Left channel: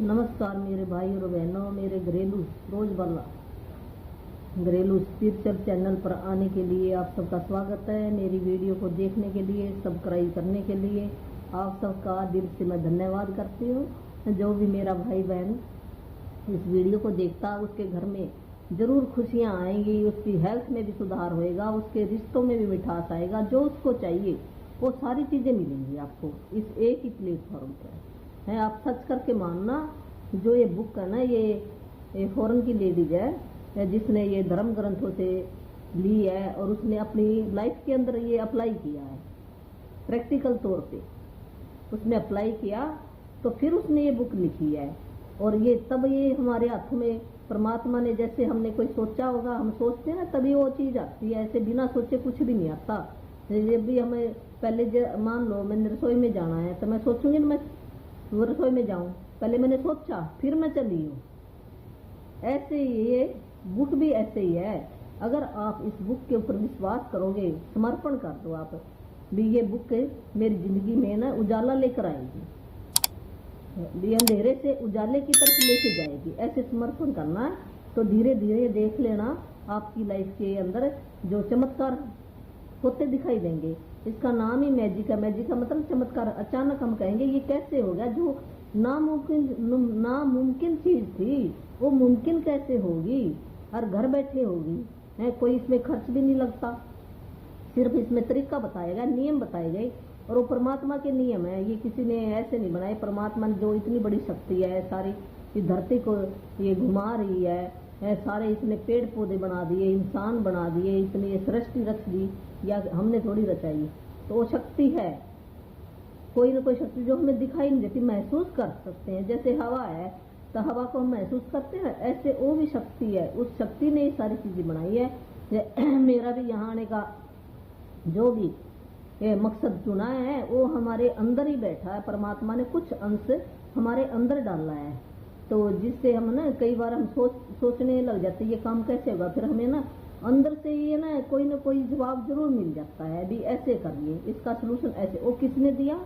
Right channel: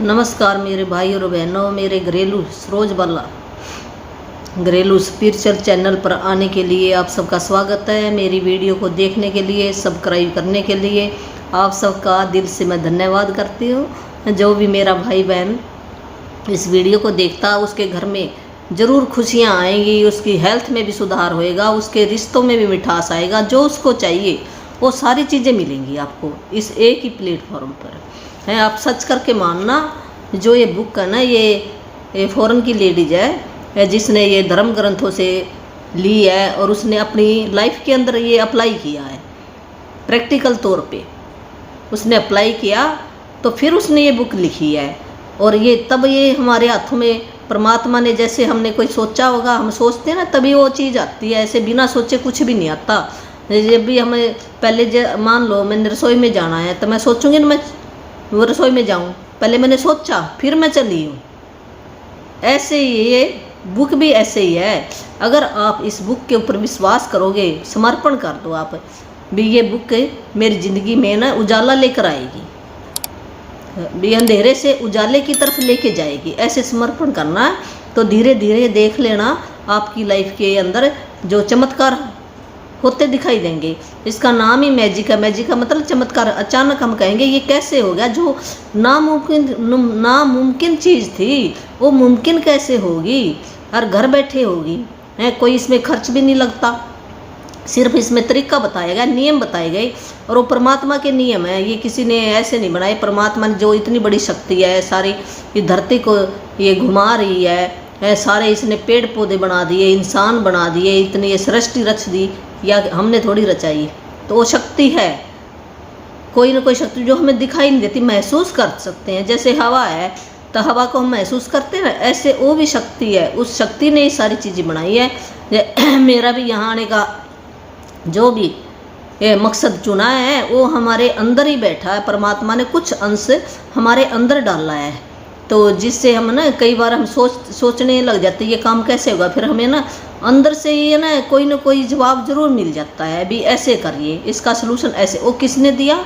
नमस्कार मेरे भाई और बहनों, मेरे घरेलू रोज़मर्रा घरेलू स्पिरिचुअल चैनल पर आने के लिए आप सबका स्वागत है। मेरी वीडियो को देखने के लिए, सब्सक्राइब करने के लिए आप सबका दिल से मैं धन्यवाद करती हूँ। जो भी मेरा भाई बहन इस वीडियो को देखता, उसके घर में ज़रूर खुशियाँ आएंगी, उसकी हेल्थ में भी सुधार होएगा, उसके रिश्तों में भी मिठास आएगा। जो उसको चाहिए वो सारी चीज़ें मिलेंगी आपको इस एक ही प्लेटफॉर्म पर है। आप सर्च करके मानना। जो ये बुक है ना, ये फॉरेन की लेडीज है जिसने ये धर्म ग्रंथों से ली है और उसने अपनी लाइफ के अंदर ये अप्लाई किया है। प्रैक्टिकल तौर पे उसने अप्लाई किया तो फिर उसने ये बुक लिखी है। और ये तब ये हमारे हाथों में परमात्मा ने, जैसे हमने कोई सोचा होगा, हम सोचते हैं ना, तभी वो चीज़ आती है। ऐसे बिना सोचे कुछ भी नहीं आता। जब भी हमें पहले मान लो मैंने रसोई में जाना है तो मैं सोचूंगी ना, मैं वो रसोई में जाऊं, पहले मैंने सोचा फिर मैं चली हूँ। ऐसे ही ये बुक भी ऐसे ही है। अगर आप इस बुक के ऊपर विश्वास करोगे, समर्पण कर दो आप भी, ये बुक मेरी ज़िंदगी में ना उजाला लेकर आएगी, भी अंधेरे से उजाले की तरफ लेके जाएगी। ऐसे समर्पण करना है तो धीरे धीरे देख लेना आपकी लाइफ के अंदर जो चमत्कार होते दिखाई देंगे। इसका नाम ही मैजिक है। मैजिक का मतलब चमत्कार। अचानक हम कहेंगे ये कैसे हो गया, जो नामुमकिन चीज़ थी वो मुमकिन कैसे होगी, और घर बैठे होगी है। कोई इसमें खर्च भी नहीं लगता, सिर्फ इसमें तरीका बताया गया, नियम बताए गए। और वो परमात्मा के नियम है, ये किसी ने ऐसे नहीं बनाए। परमात्मा ने जो इतनी बड़ी शक्ति है, सारी ये धरती को ये घुमा रही है, सारे इसने पेड़ पौधे बना दिए, इंसान बना दिए, इतनी ये सृष्टि रच दी, या हमने थोड़ी रचाई। तो वो शक्ति है, कोई ना कोई शक्ति जो हमें दिखाई नहीं देती, महसूस कर सकते हैं। जैसे हवा है तो हवा को हम महसूस करते हैं ना, ऐसे वो भी शक्ति है। उस शक्ति ने ये सारी चीज़ें बनाई है। मेरा भी यहाँ आने का जो भी ये मकसद चुना है वो हमारे अंदर ही बैठा है। परमात्मा ने कुछ अंश हमारे अंदर डाला है, तो जिससे हम ना कई बार हम सोचने लग जाते हैं ये काम कैसे होगा, फिर हमें ना अंदर से ये ना कोई जवाब जरूर मिल जाता है। भी ऐसे करिए, इसका सलूशन ऐसे। वो किसने दिया?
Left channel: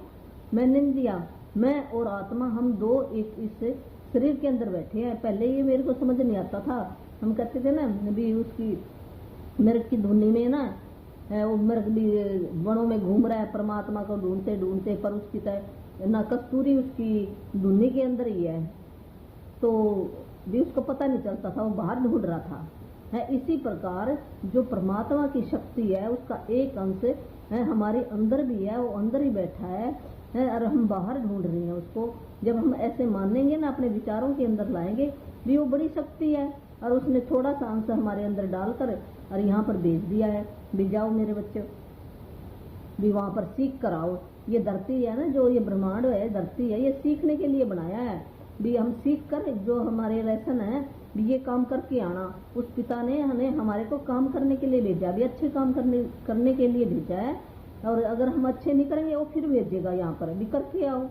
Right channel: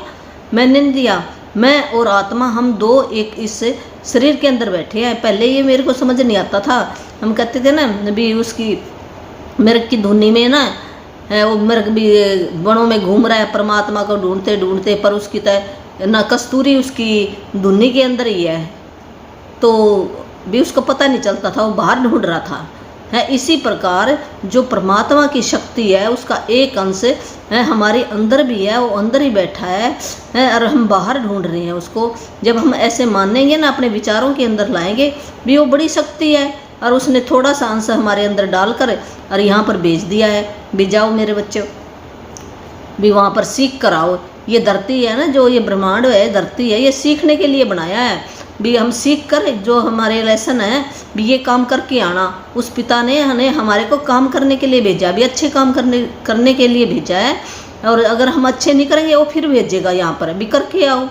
मैंने नहीं दिया। मैं और आत्मा हम दो एक इस शरीर के अंदर बैठे हैं। पहले ये मेरे को समझ नहीं आता था। हम कहते थे ना भी उसकी मिर्ग की धुनी में ना है, वो मिर्ग भी वनों में घूम रहा है परमात्मा को ढूंढते ढूंढते, पर उसकी तय ना कस्तूरी उसकी धुनी के अंदर ही है, तो भी उसको पता नहीं चलता था, वो बाहर ढूंढ रहा था है। इसी प्रकार जो परमात्मा की शक्ति है उसका एक अंश है हमारे अंदर भी है, वो अंदर ही बैठा है और हम बाहर ढूंढ रहे हैं उसको। जब हम ऐसे मानेंगे ना, अपने विचारों के अंदर लाएंगे भी, वो बड़ी शक्ति है और उसने थोड़ा सा अंश हमारे अंदर डालकर और यहाँ पर भेज दिया है भी जाओ मेरे बच्चों, भी वहाँ पर सीख कर आओ। ये धरती है ना, जो ये ब्रह्मांड है, धरती है, ये सीखने के लिए बनाया है। भी हम सीख कर जो हमारे लेसन है भी ये काम करके आना। उस पिता ने हमारे को काम करने के लिए भेजा, भी अच्छे काम करने के लिए भेजा है। और अगर हम अच्छे नहीं करेंगे वो फिर भेजेगा यहाँ पर भी करके आओ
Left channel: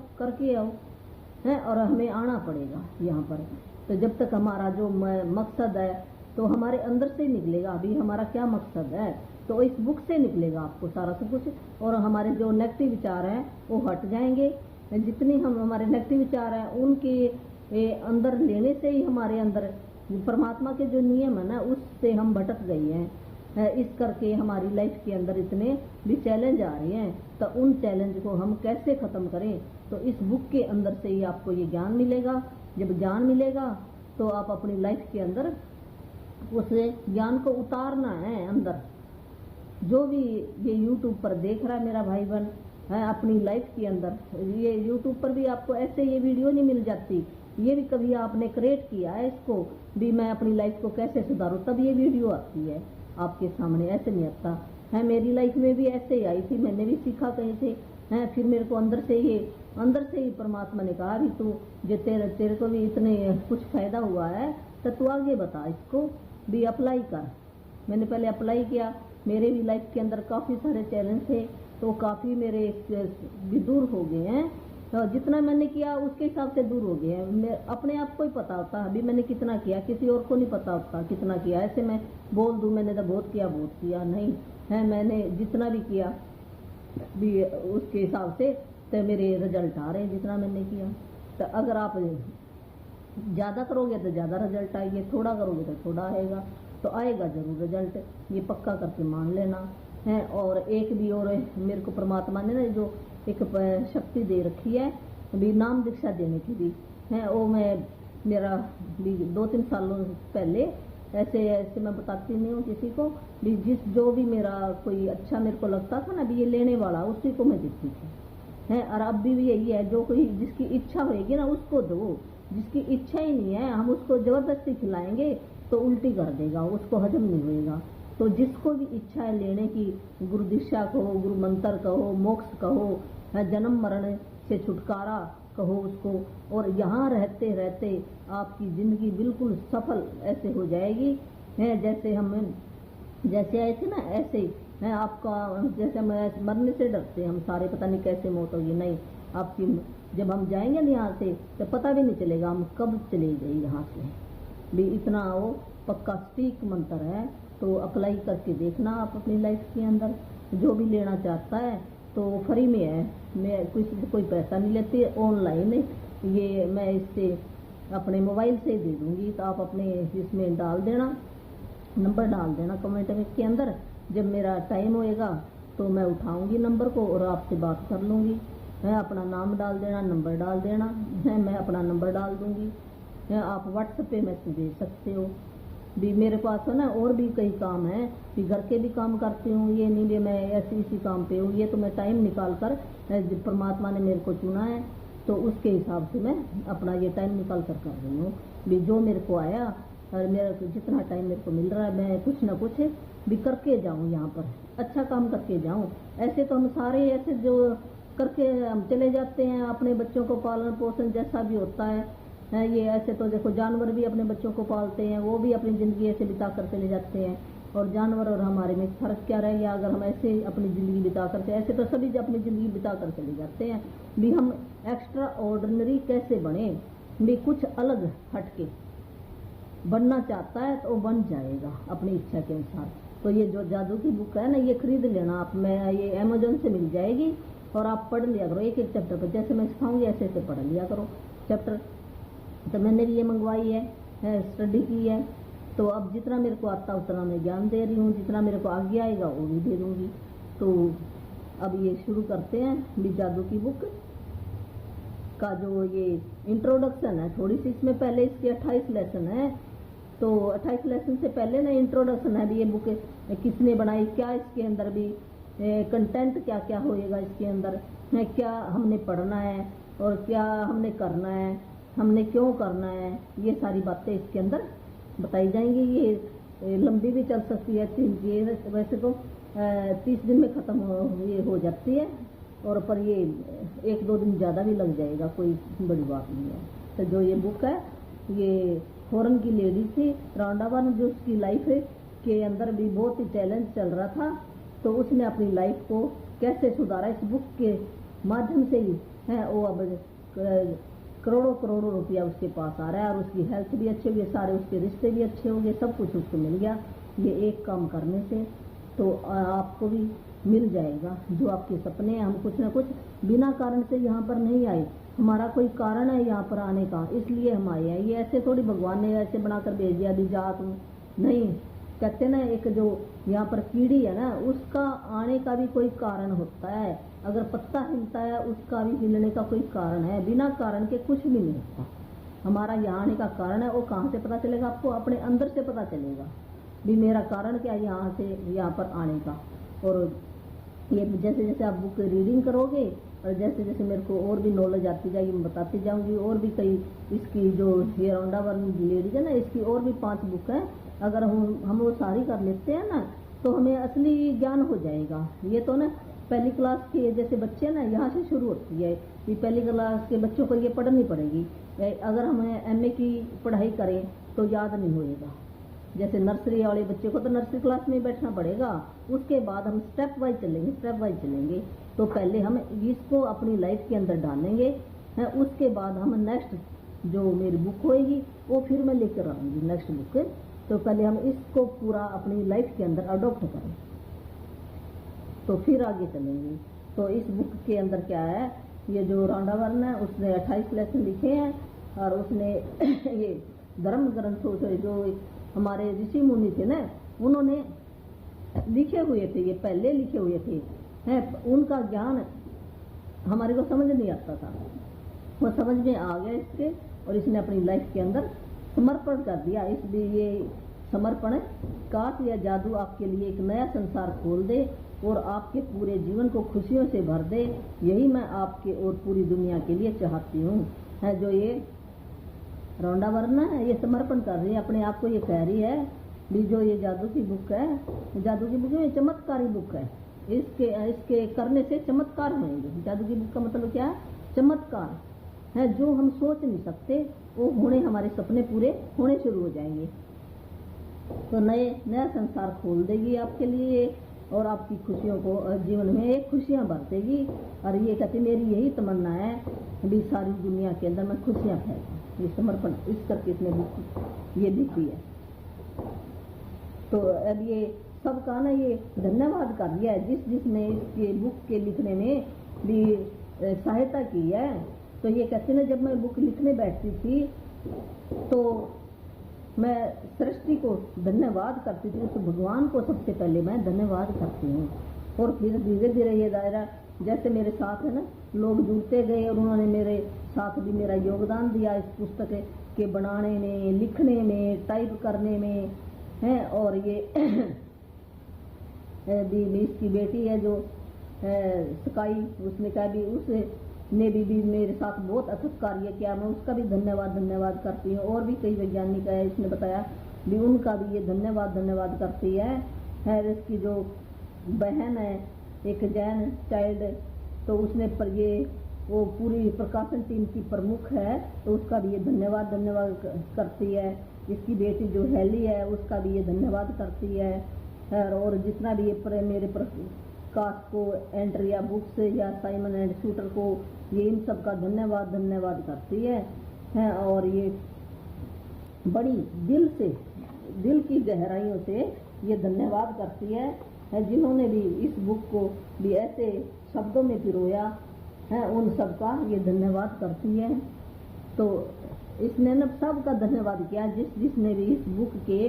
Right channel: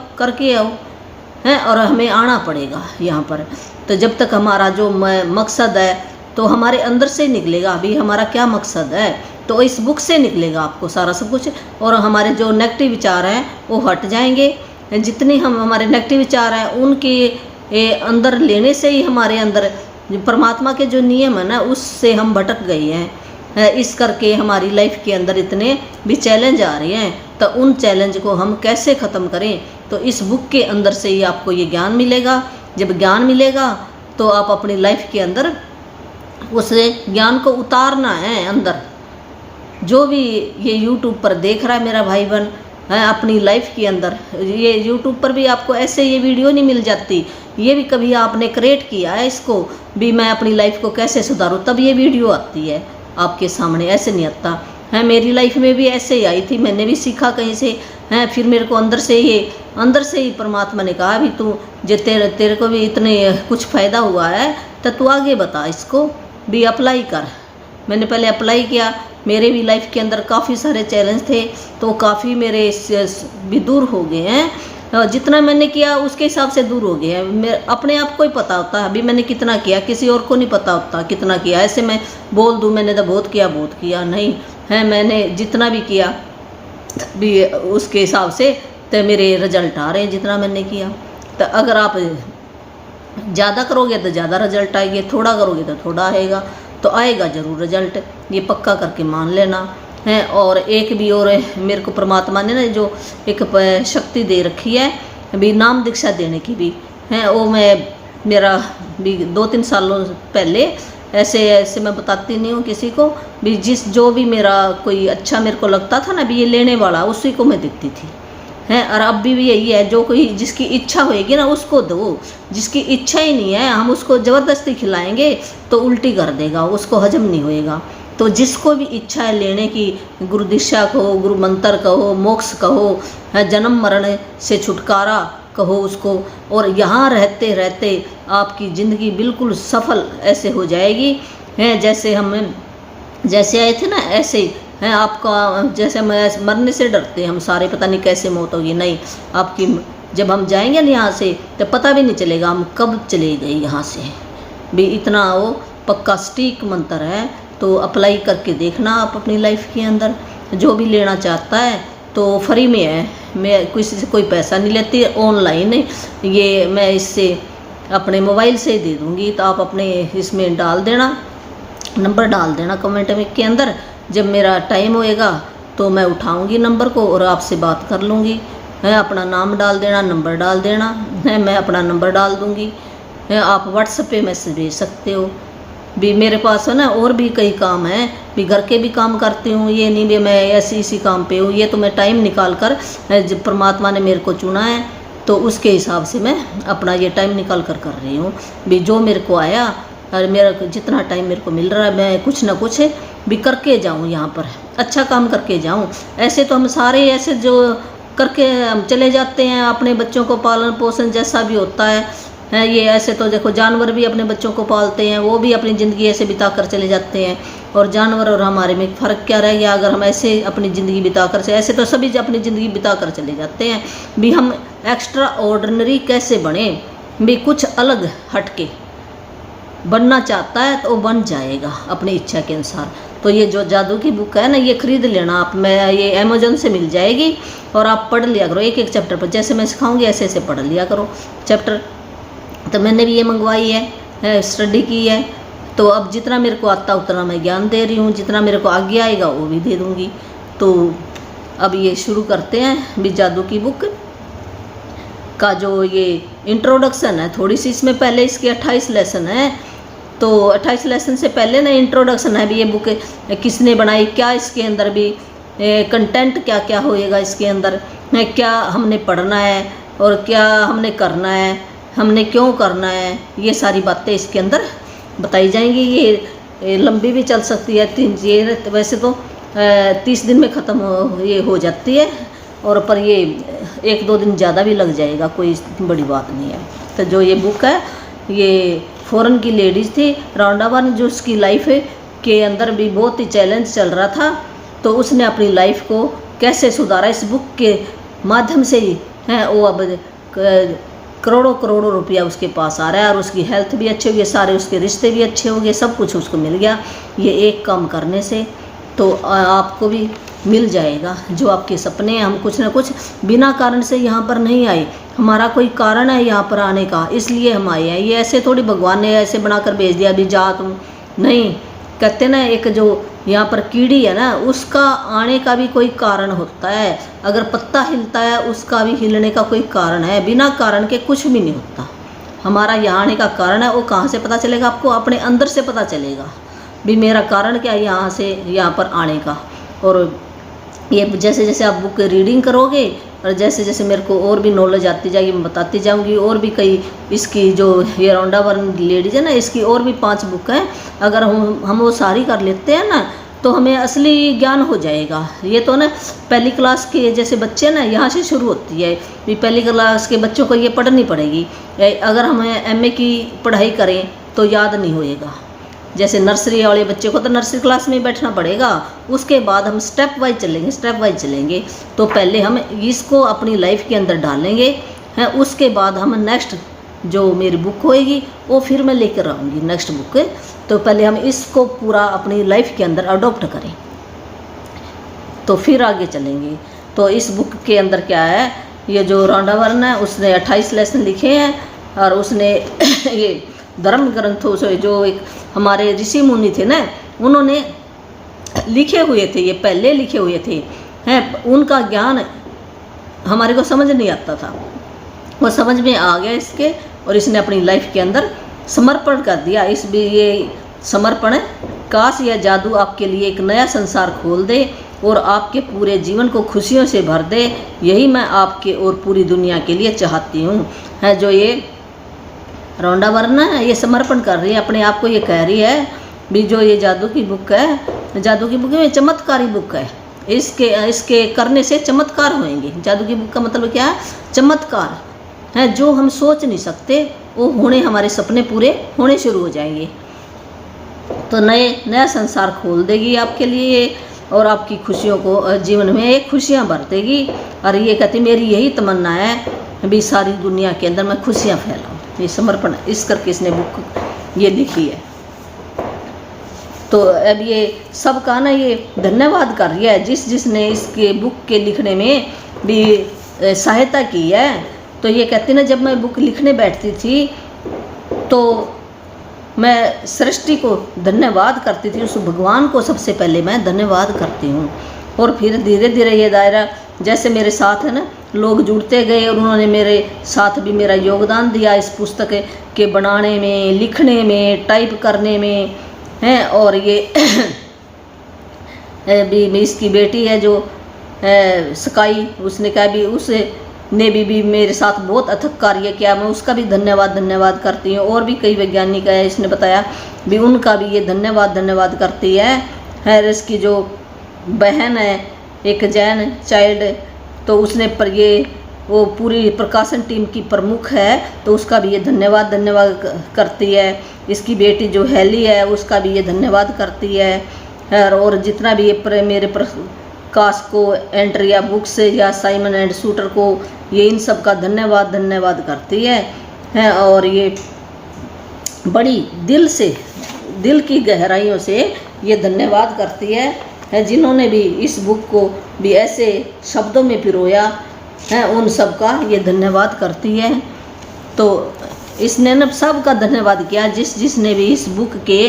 है, और हमें आना पड़ेगा यहाँ पर। तो जब तक हमारा जो मकसद है तो हमारे अंदर से निकलेगा। अभी हमारा क्या मकसद है तो इस बुक से निकलेगा आपको सारा सब कुछ। और हमारे जो नेगेटिव विचार हैं वो हट जाएंगे। जितनी हम हमारे नेगेटिव विचार हैं उनके अंदर लेने से ही हमारे अंदर परमात्मा के जो नियम है ना, उससे हम भटक गए हैं। इस करके हमारी लाइफ के अंदर इतने भी चैलेंज आ रहे हैं, तो उन चैलेंज को हम कैसे ख़त्म करें, तो इस बुक के अंदर से ही आपको ये ज्ञान मिलेगा। जब ज्ञान मिलेगा तो आप अपनी लाइफ के अंदर उस ज्ञान को उतारना है अंदर। जो भी ये यूट्यूब पर देख रहा है मेरा भाई बहन है अपनी लाइफ के अंदर, ये यूट्यूब पर भी आपको ऐसे ये वीडियो नहीं मिल जाती। ये भी कभी आपने क्रिएट किया है इसको भी, मैं अपनी लाइफ को कैसे सुधारूं, तब ये वीडियो आती है आपके सामने, ऐसे नहीं आता है। मेरी लाइफ में भी ऐसे ही आई थी, मैंने भी सीखा कहीं से है। फिर मेरे को अंदर से ही परमात्मा ने कहा भी तू जो तेरे को भी इतने कुछ फ़ायदा हुआ है तो तू आगे बता, इसको भी अप्लाई कर। मैंने पहले अप्लाई किया, मेरे भी लाइफ के अंदर काफ़ी सारे चैलेंज थे, तो काफ़ी मेरे भी दूर हो गए हैं। जितना मैंने किया उसके हिसाब से दूर हो गए हैं। मैं अपने आप को ही पता होता है अभी मैंने कितना किया, किसी और को नहीं पता होता कितना किया। ऐसे मैं बोल दूँ मैंने तो बहुत किया नहीं है। मैंने जितना भी किया भी उसके हिसाब से तो मेरे रिजल्ट आ रहे हैं जितना मैंने किया। तो अगर आप ज़्यादा करोगे तो ज़्यादा रिजल्ट आएगी, थोड़ा करोगे तो थोड़ा आएगा, तो आएगा ज़रूर रिजल्ट, ये पक्का करके मान लेना है। और एक भी और मेरे को परमात्मा ने ना जो एक शक्ति दे रखी है भी नाम दीक्षा देने की भी है, वो मैं मेरा भी 2-3 सालों पहले ऐसे मैं बताती नहीं हूँ किसी को भी, जो भी मेरा कोई अच्छा मेरे को लगता था ना भी ये लेने वाला, उसी को मैं देती थी है। और अब भी यही है, जो कोई जिसकी इच्छा होएगी ना उसको दो, जिसकी इच्छा ही नहीं है हम उसको ज़बरदस्ती खिलाएंगे तो उल्टी कर देगा, उसको हजम नहीं होएगा। तो जिसको भी इच्छा है लेने की, गुरु दीक्षा कहो, गुरु मंत्र कहो, मोक्ष कहो, जन्म मरण से छुटकारा कहो उसको, और यहाँ रहते रहते आपकी ज़िंदगी बिल्कुल सफल ऐसे हो जाएगी है। जैसे आए थे ना ऐसे है आपका, जैसे मरने से डरते हैं हम सारे, पता नहीं कैसे मौत होगी, नहीं आपकी जब हम जाएंगे ना यहाँ से तो पता भी नहीं चलेगा हम कब चले गए यहाँ से भी। इतना वो पक्का सटीक मंत्र है, तो अप्लाई करके देखना आप अपनी लाइफ के अंदर। जो भी लेना चाहता है तो फ्री में है, मैं किसी से कोई पैसा नहीं लेती, ऑनलाइन ये मैं इससे अपने मोबाइल से दे दूँगी, तो आप अपने इसमें डाल देना, नंबर डाल देना कमेंट में के अंदर। जब मेरा टाइम होएगा तो मैं उठाऊंगी नंबर को और आपसे बात कर लूँगी है। अपना नाम डाल देना, नंबर डाल देना है, मैं अपना नंबर डाल दूँगी है। आप व्हाट्सएप पे मैसेज भेज सकते हो भी। मेरे पास है ना और भी कई काम हैं भी, घर के भी काम करती हूँ, ये नहीं भी मैं ऐसी इसी काम पे हूँ, ये तो मैं टाइम निकाल कर जब परमात्मा ने मेरे को चुना है तो उसके हिसाब से मैं अपना ये टाइम निकाल कर रही हूँ भी। जो मेरे को आया और मेरा जितना टाइम मेरे को मिल रहा है मैं कुछ ना कुछ भी करके जाऊँ, यहाँ पर अच्छा काम करके जाऊँ। ऐसे तो हम सारे ऐसे जो करके हम चले जाते हैं, अपने बच्चों को पालन पोषण जैसा भी होता है ये ऐसे तो देखो जानवर भी अपने बच्चों को पालते हैं, वो भी अपनी ज़िंदगी ऐसे बिता कर चले जाते हैं। और जानवर और हमारे में फ़र्क क्या रह गया, अगर हम ऐसे अपनी ज़िंदगी बिता कर से, ऐसे तो सभी अपनी ज़िंदगी बिता कर चले जाते हैं भी। हम एक्स्ट्रा ऑर्डिनरी कैसे बने भी, कुछ अलग हटके बनना चाहता है तो बन जाएगा अपनी इच्छा के अनुसार। तो ये जो जादू की बुक है ना, ये ख़रीद लेना आप, मैं ये अमेजोन से मिल जाएगी और आप पढ़ लिया करो एक एक चैप्टर पर, जैसे मैं सिखाऊंगी ऐसे ऐसे पढ़ लिया करो चैप्टर। तो मैंने भी ये मंगवाई है स्टडी की है, तो अब जितना मेरे को आता उतना मैं ज्ञान दे रही हूँ, जितना मेरे को आगे आएगा वो भी दे दूँगी। तो अब ये शुरू करते हैं भी जादू की बुक का जो ये इंट्रोडक्शन है थोड़ी सी, इसमें पहले इसके 28 लेसन है, तो 28 लेसन से पहले ना इंट्रोडक्शन है भी, ये बुक किसने बनाई, क्या इसके अंदर भी कंटेंट क्या क्या होएगा इसके अंदर, क्या हमने पढ़ना है और क्या हमने करना है, हमने क्यों करना है, ये सारी बातें इसके अंदर बताई जाएंगी। ये लंबी भी चल सकती है, ये वैसे तो 30 दिन में ख़त्म ये हो जाती है, और पर ये 1-2 दिन ज़्यादा भी लग जाएगा, कोई बड़ी बात नहीं है। तो जो ये बुक है ये फॉरेन की लेडीज़ थी, राउंडावन जो उसकी लाइफ के अंदर भी बहुत ही चैलेंज चल रहा था, तो उसने अपनी लाइफ को कैसे सुधारा इस बुक के माध्यम से ही है। वो अब करोड़ों करोड़ों रुपया उसके पास आ रहा है, और उसकी हेल्थ भी अच्छी हो गई, सारे उसके रिश्ते भी अच्छे हो गए, सब कुछ उसको मिल गया ये एक काम करने से। तो आपको भी मिल जाएगा जो आपके सपने हैं। हम कुछ ना कुछ बिना कारण से यहाँ पर नहीं आए, हमारा कोई कारण है यहाँ पर आने का, इसलिए हम आए हैं। ये ऐसे थोड़ी भगवान ने ऐसे बनाकर भेज दिया अभी जा तुम, नहीं। कहते ना एक जो यहाँ पर कीड़ी है ना, उसका आने का भी कोई कारण होता है। अगर पत्ता हिलता है उसका भी हिलने का कोई कारण है, बिना कारण के कुछ भी नहीं होता। हमारा यहाँ आने का कारण है, वो कहाँ से पता चलेगा आपको, अपने अंदर से पता चलेगा भी मेरा कारण क्या है यहाँ से यहाँ पर आने का। और ये जैसे जैसे आप बुक रीडिंग करोगे और जैसे जैसे मेरे को और भी नॉलेज आती जाएगी, मैं बताती जाऊंगी। और भी कई इसकी जो ये राउंडावन लेडीज है ना, इसकी और भी 5 बुक हैं। अगर हम वो सारी कर लेते हैं ना, तो हमें असली ज्ञान हो जाएगा। ये तो ना पहली क्लास के जैसे बच्चे ना, यहाँ से शुरू होती है भी, पहली क्लास के बच्चों को ये पढ़नी पड़ेगी। अगर हम MA की पढ़ाई करें तो याद नहीं होएगा। जैसे नर्सरी वाले बच्चे को तो नर्सरी क्लास में ही बैठना पड़ेगा, उसके बाद हम स्टेप वाइज चलेंगे। तो पहले हम इसको अपनी लाइफ के अंदर डालेंगे हैं, उसके बाद हम नेक्स्ट जो मेरी बुक होएगी वो फिर मैं लेकर आऊँगी नेक्स्ट बुक। तो पहले हम इसको पूरा अपनी लाइफ के अंदर अडॉप्ट करें, तो फिर आगे चलेंगे। तो इस बुक के अंदर क्या है, ये जो राउंडावन है उसने 28 लेसन लिखे हैं, और उसने ये धर्म ग्रंथों से जो एक हमारे ऋषि मुनि थे ना, उन्होंने लिखे हुए थे, ये पहले लिखे हुए थे हैं, उनका ज्ञान हमारे को समझ नहीं आता था, वो समझ में आ गया इसके, और इसने अपनी लाइफ के अंदर समर्पण कर दिया। इस भी ये समर्पण, काश या जादू आपके लिए एक नया संसार खोल दे और आपके पूरे जीवन को खुशियों से भर दे, यही मैं आपके और पूरी दुनिया के लिए चाहती हूँ। है जो ये रोंडा वर्ना है, ये समर्पण कर रही है अपने आप को, ये कह रही है भी जो ये जादू की बुक है, जादू की बुक है, चमत्कारी बुक है, इसके करने से चमत्कार होंगे। जादू की बुक का मतलब क्या है? चमत्कार है, जो हम सोच नहीं सकते वो होने, हमारे सपने पूरे होने शुरू हो जाएंगे। तो नया संसार खोल देगी आपके लिए और आपकी खुशियों को जीवन में एक खुशियाँ भर देगी। और ये कहती मेरी यही तमन्ना है भी सारी दुनिया के अंदर मैं खुशियाँ फैलाऊँ। ये समर्पण इस करके इसने बुक ये लिखी है। तो अब ये सब का ना ये धन्यवाद कर रही है जिसने इसके बुक के लिखने में भी सहायता की है। तो ये कहती ना, जब मैं बुक लिखने बैठती थी तो मैं सृष्टि को धन्यवाद करती थी, उस भगवान को सबसे पहले मैं धन्यवाद करती हूँ। और फिर धीरे धीरे ये दायरा जैसे मेरे साथ है ना, लोग जुड़ते गए और उन्होंने मेरे साथ भी मेरा योगदान दिया इस पुस्तक के बनाने में, लिखने में, टाइप करने में हैं। और ये भी इसकी बेटी है जो स्काई, उसने कहा भी उसने भी मेरे साथ बहुत अथक कार्य किया, मैं उसका भी धन्यवाद करती हूँ। और भी कई वैज्ञानिक है, इसने बताया भी उनका भी ये धन्यवाद करती है। इसकी जो बहन है एक जैन चाइल्ड, तो उसने पर ये वो पूरी प्रकाशन टीम की प्रमुख है, तो उसका भी ये धन्यवाद करती है। इसकी बेटी जो हेली है उसका भी ये धन्यवाद करती है। और जितना भी ये मेरे प्रकाश को एंट्रिया बुक्स या साइमन एंड शूटर को, ये इन सब का धन्यवाद करती है। और ये बड़ी दिल की गहराइयों से ये धन्यवाद करती है जिन्होंने भी इस बुक को भी ऐसे शब्दों में पिरोया है, उन सब का ये धन्यवाद करती है। तो इसने न सब का धन्यवाद किया, जिसने भी इस बुक के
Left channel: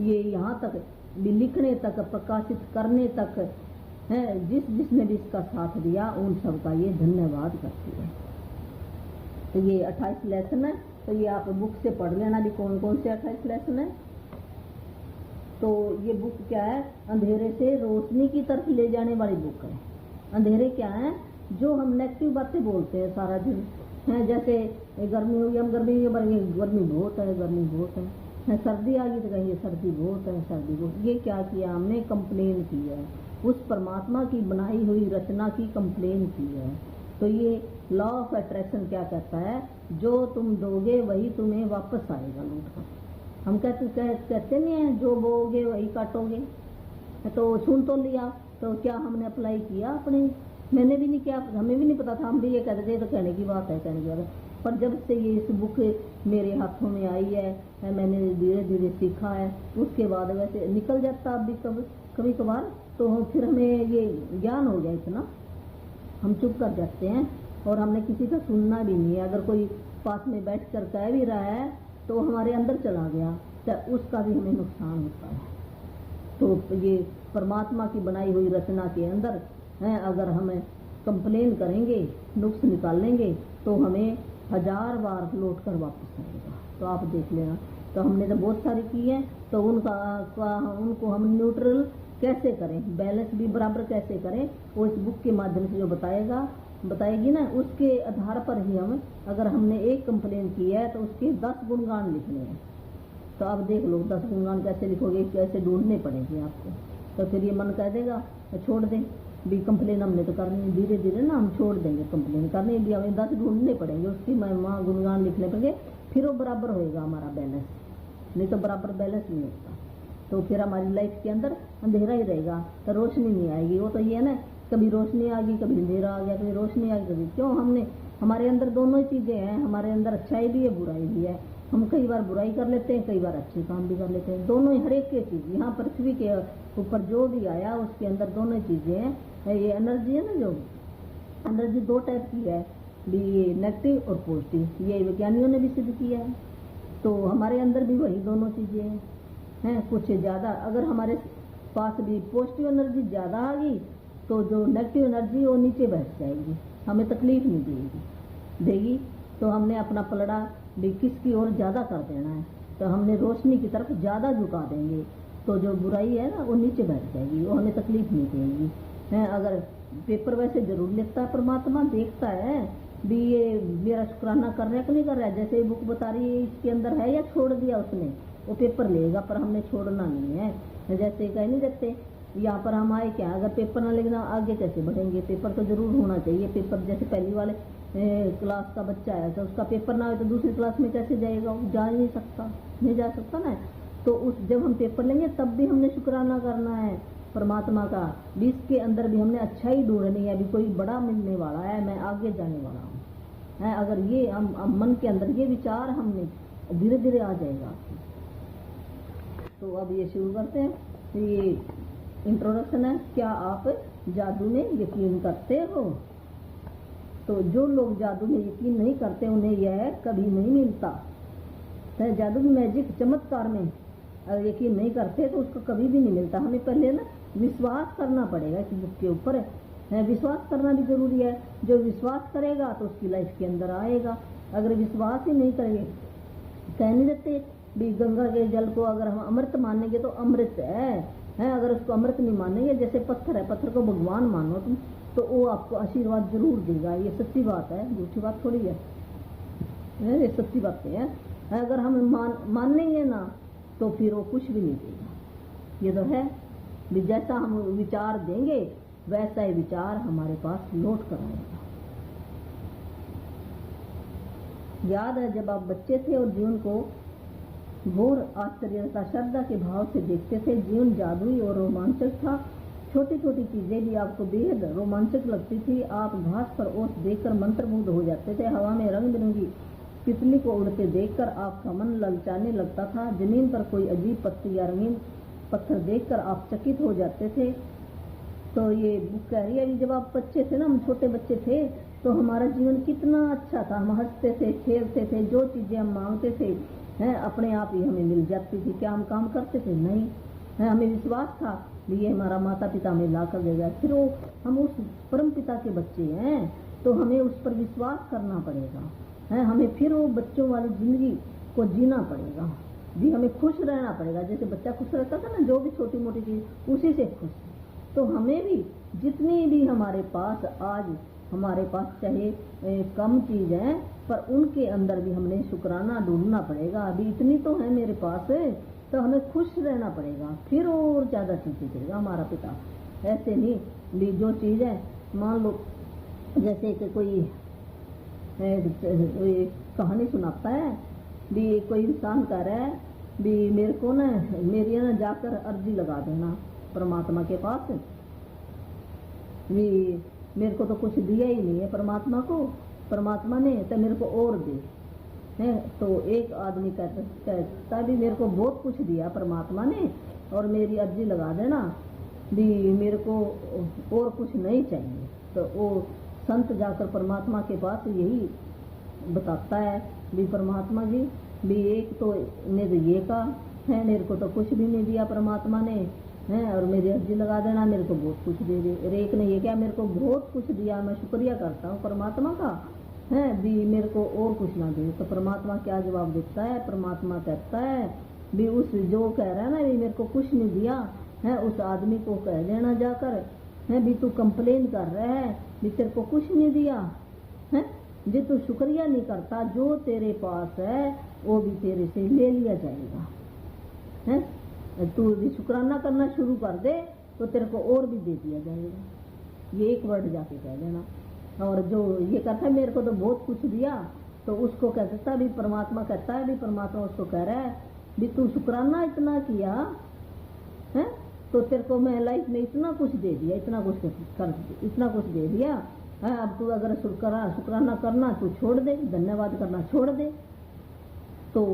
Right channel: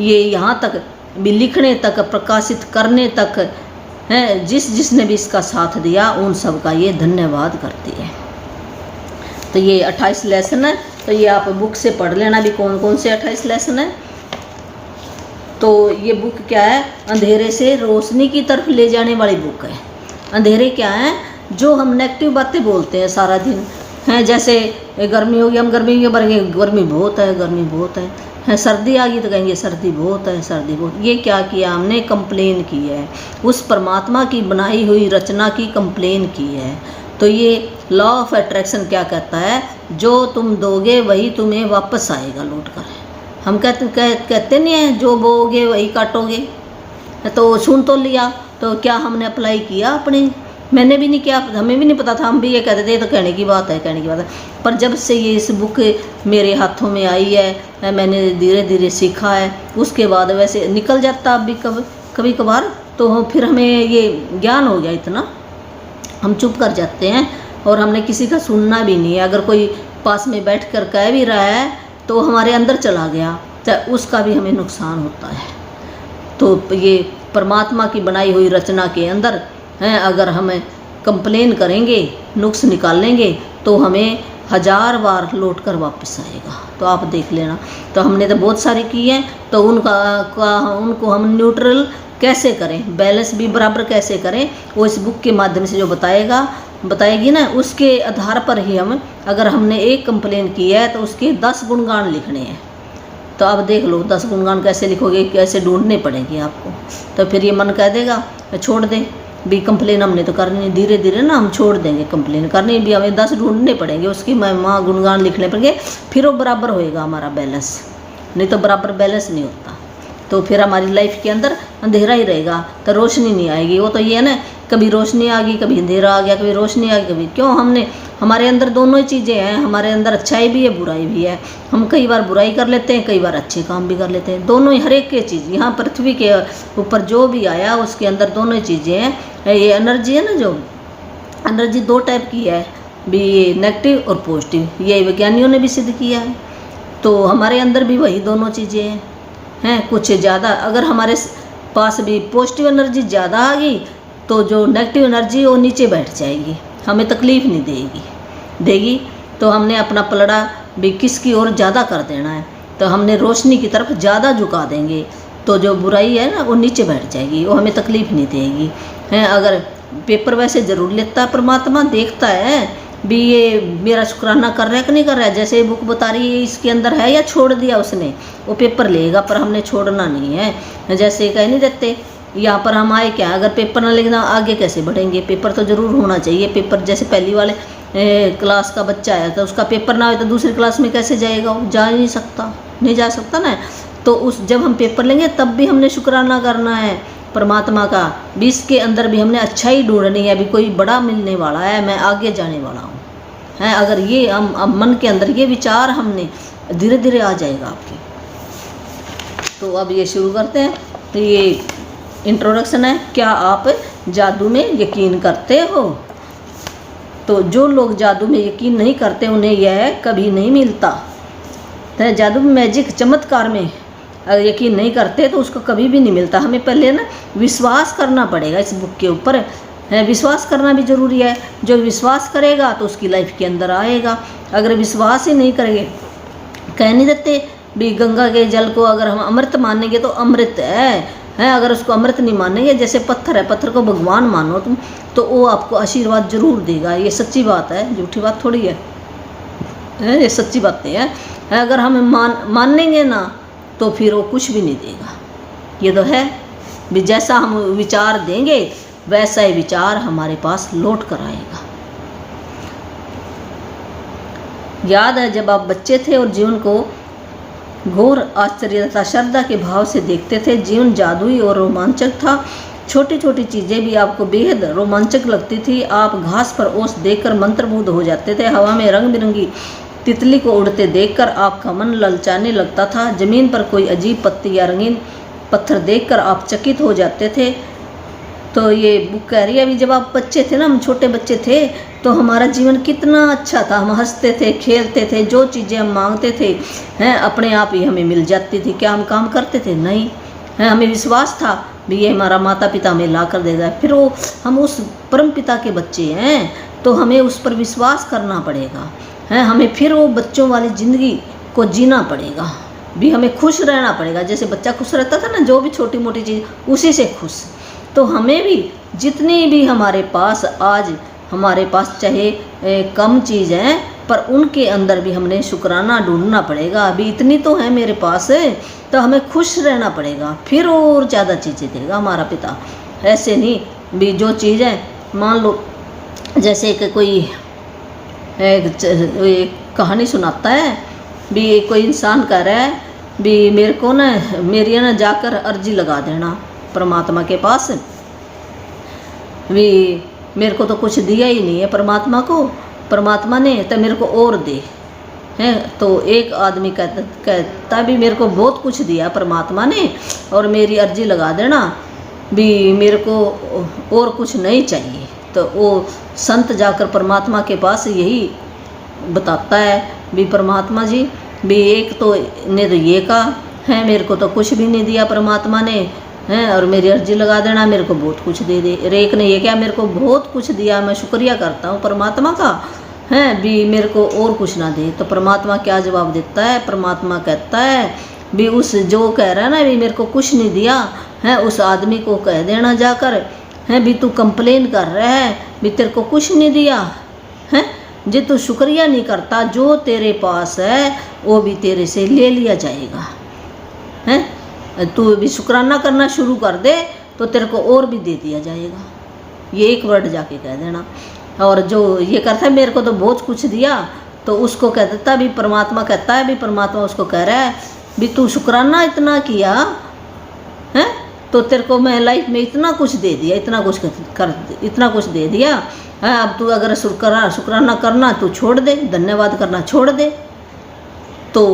ये यहाँ तक भी लिखने तक, प्रकाशित करने तक है, जिसने भी इसका साथ दिया, उन सब का ये धन्यवाद करती है। तो ये 28 लेसन है, तो ये आप बुक से पढ़ लेना भी कौन कौन से 28 लेसन है। तो ये बुक क्या है? अंधेरे से रोशनी की तरफ ले जाने वाली बुक है। अंधेरे क्या है? जो हम नेगेटिव बातें बोलते हैं सारा दिन हैं, जैसे गर्मी होगी, हम गर्मी के भरेंगे गर्मी बहुत है, गर्मी बहुत है, सर्दी आ गई तो कहेंगे सर्दी बहुत है, सर्दी बहुत। ये क्या किया हमने? कंप्लेन की है, उस परमात्मा की बनाई हुई रचना की कंप्लेन की है। तो ये लॉ ऑफ अट्रैक्शन क्या कहता है? जो तुम दोगे वही तुम्हें वापस आएगा लौट कर। हम कहते नहीं हैं जो बोओगे वही काटोगे। तो सुन तो लिया, तो क्या हमने अप्लाई किया अपने? मैंने भी नहीं किया, हमें भी नहीं पता था, हम भी ये कहते थे तो कहने की बात है। पर जब से ये इस बुक मेरे हाथों में आई है, मैंने धीरे धीरे सीखा है, उसके बाद वैसे निकल जाता अब भी कभी कभार, तो फिर हमें ये ज्ञान हो गया इतना, हम चुप कर जाते हैं और हमने किसी का सुनना भी नहीं है। अगर कोई पास में बैठ कर कह भी रहा है तो हमारे अंदर चला गया, तो उसका भी हमें नुकसान होता है। तो ये परमात्मा की बनाई हुई रचना के अंदर हैं, अगर हमें कंप्लेन करेंगे, नुक्स निकालेंगे, तो हमें 1000 बार लौट कर वापस आएगा। तो आप देख लेना। तो हमने तो बहुत सारी की हैं, तो उनको हम न्यूट्रल कैसे करें, बैलेंस भी बराबर कैसे करें, वो इस बुक के माध्यम से जो बताएगी ना, उसके आधार पर ही हम, अगर हमने एक कंप्लेन की है तो उसके 10 गुणगान लिखने हैं। तो आप देख लो 10 गुणगान कैसे लिखोगे, कैसे ढूंढने पड़ेंगे आपको। तो फिर ये मन कह देगा छोड़ दे भी, कंप्लेन हमने तो करनी, धीरे धीरे ना हम छोड़ देंगे कंप्लेन करनी भी, हमें 10 ढूंढने पड़ेंगे, उसकी महिमा गुणगान लिखने पड़ेंगे, फिर वो बराबर होएगा हमारा बैलेंस। नहीं तो बराबर बैलेंस नहीं होता, तो फिर हमारी लाइफ के अंदर अंधेरा ही रहेगा, तो रोशनी नहीं आएगी। वो तो ये है ना, कभी रोशनी आ गई, कभी अंधेरा आ गया, कभी रोशनी आ गई, कभी क्यों। हमारे अंदर दोनों ही चीज़ें हैं, हमारे अंदर अच्छाई भी है, बुराई भी है। हम कई बार बुराई कर लेते हैं, कई बार अच्छे काम भी कर लेते हैं, दोनों ही, हर एक की चीज़ यहाँ पृथ्वी के ऊपर जो भी आया उसके अंदर दोनों ही चीज़ें हैं। ये एनर्जी है ना, जो एनर्जी 2 टाइप की है, भी ये नेगेटिव और पॉजिटिव, ये विज्ञानियों ने भी सिद्ध किया है। तो हमारे अंदर भी वही दोनों चीज़ें हैं। कुछ ज़्यादा अगर हमारे पास भी पॉजिटिव एनर्जी ज़्यादा आ गई तो जो नेगेटिव एनर्जी वो नीचे बैठ जाएगी, हमें तकलीफ़ नहीं देगी। तो हमने अपना पलड़ा भी किसकी ओर ज़्यादा कर देना है, तो हमने रोशनी की तरफ ज़्यादा झुका देंगे तो जो बुराई है ना वो नीचे बैठ जाएगी, वो हमें तकलीफ़ नहीं देगी हैं। अगर पेपर वैसे ज़रूर लेता है परमात्मा, देखता है भी ये मेरा शुक्राना कर रहा है कि नहीं कर रहा है। जैसे बुक बता रही है इसके अंदर है या छोड़ दिया उसने, वो पेपर लेगा, पर हमने छोड़ना नहीं है। जैसे कह नहीं देते यहाँ पर हम आए क्या, अगर पेपर ना लिखना आगे कैसे बढ़ेंगे, पेपर तो ज़रूर होना चाहिए। पेपर जैसे पहली वाले क्लास का बच्चा है तो उसका पेपर ना हो तो दूसरी क्लास में कैसे जाएगा, वो जा नहीं जा सकता ना। तो उस जब हम पेपर लेंगे तब भी हमने शुक्राना करना है परमात्मा का, भी इसके अंदर भी हमने अच्छाई ढूंढनी है, अभी कोई बड़ा मिलने वाला है, मैं आगे जाने वाला हूँ है। अगर ये हम अब मन के अंदर ये विचार हमने धीरे धीरे आ जाएगा आपकी। तो अब ये शुरू करते हैं। तो ये इंट्रोडक्शन है, क्या आप जादू में यकीन करते हो? तो जो लोग जादू में यकीन नहीं करते उन्हें यह कभी नहीं मिलता। तो जादू में मैजिक चमत्कार में अगर यकीन नहीं करते तो उसको कभी भी नहीं मिलता। हमें पहले ना विश्वास करना पड़ेगा इस बुक के ऊपर है, विश्वास करना भी ज़रूरी है। जो विश्वास करेगा तो उसकी लाइफ के अंदर आएगा। अगर विश्वास ही नहीं करेंगे, कह नहीं देते भी गंगा के जल को अगर हम अमृत मानेंगे तो अमृत है, अगर उसको अमृत नहीं मानेंगे, जैसे पत्थर है, पत्थर को भगवान मानो तुम तो वो आपको आशीर्वाद जरूर देगा। ये सच्ची बात है, झूठी बात थोड़ी है, ये सच्ची बातें हैं। अगर हम मानेंगे ना तो फिर वो कुछ भी नहीं देगा। ये तो है भी जैसा हम विचार देंगे वैसा ही विचार हमारे पास लौट कर आएगा। याद है जब आप बच्चे थे और जीवन को घोर आश्चर्य तथा श्रद्धा के भाव से देखते थे, जीवन जादुई और रोमांचक था। छोटी छोटी चीज़ें भी आपको बेहद रोमांचक लगती थी। आप घास पर ओस देखकर मंत्रमुग्ध हो जाते थे। हवा में रंग बिरंगी तितली को उड़ते देखकर आपका मन ललचाने लगता था। ज़मीन पर कोई अजीब पत्ती या रंगीन पत्थर देखकर आप चकित हो जाते थे। तो ये बुक कह रही है अभी जब आप बच्चे थे ना, हम छोटे बच्चे थे तो हमारा जीवन कितना अच्छा था। हम हंसते थे, खेलते थे, जो चीज़ें हम मांगते थे हैं अपने आप ही हमें मिल जाती थी। क्या हम काम करते थे? नहीं है। हमें विश्वास था भी ये हमारा माता पिता हमें ला कर देगा। फिर वो हम उस परम पिता के बच्चे हैं तो हमें उस पर विश्वास करना पड़ेगा है। हमें फिर वो बच्चों वाली ज़िंदगी को जीना पड़ेगा भी, हमें खुश रहना पड़ेगा। जैसे बच्चा खुश रहता था ना, जो भी छोटी मोटी चीज़ उसी से खुश। तो हमें भी जितनी भी हमारे पास आज हमारे पास चाहे कम चीज़ है पर उनके अंदर भी हमने शुक्राना ढूंढना पड़ेगा। अभी इतनी तो है मेरे पास तो हमें खुश रहना पड़ेगा, फिर और ज़्यादा चीज़ें देगा हमारा पिता। ऐसे नहीं भी जो चीज़ है, मान लो जैसे कि कोई एक कहानी सुनाता है भी, कोई इंसान कह रहा है भी मेरे को ना मेरी ना जाकर अर्जी लगा देना परमात्मा के पास, भी मेरे को तो कुछ दिया ही नहीं है परमात्मा ने तो मेरे को और दे हैं। तो एक आदमी कहता भी मेरे को बहुत कुछ दिया परमात्मा ने और मेरी अर्जी लगा देना भी, मेरे को और कुछ नहीं चाहिए। तो वो संत जाकर परमात्मा के पास यही बताता है भी परमात्मा जी भी एक तो ने तो ये कहा है मेरे को तो कुछ भी नहीं दिया परमात्मा ने हैं, और मेरी अर्जी लगा देना मेरे को बहुत कुछ दे दे। एक ने ये क्या मेरे को बहुत कुछ दिया, मैं शुक्रिया करता हूँ परमात्मा का हैं भी मेरे को और कुछ ना दे। तो परमात्मा क्या जवाब देता है? परमात्मा कहता है भी उस जो कह रहा है ना भी मेरे को कुछ नहीं दिया है, उस आदमी को कह देना जाकर हैं भी तू कंप्लेन कर रहा है भी तेरे को कुछ नहीं दिया है, जे तू शुक्रिया नहीं करता जो तेरे पास है वो भी तेरे से ले लिया जाएगा हैं। तू भी शुक्राना करना शुरू कर दे तो तेरे को और भी दे दिया जाएगा। ये एक वर्ड जाके कह देना। और जो ये करता है मेरे को तो बहुत कुछ दिया, तो उसको कह देता भी परमात्मा कहता है भी परमात्मा उसको कह रहा है भी तू शुक्राना इतना किया है तो तेरे को मैं लाइफ में इतना कुछ दे दिया, इतना कुछ दे दिया है। अब तू अगर शुक्राना करना तू छोड़ दे, धन्यवाद करना छोड़ दे तो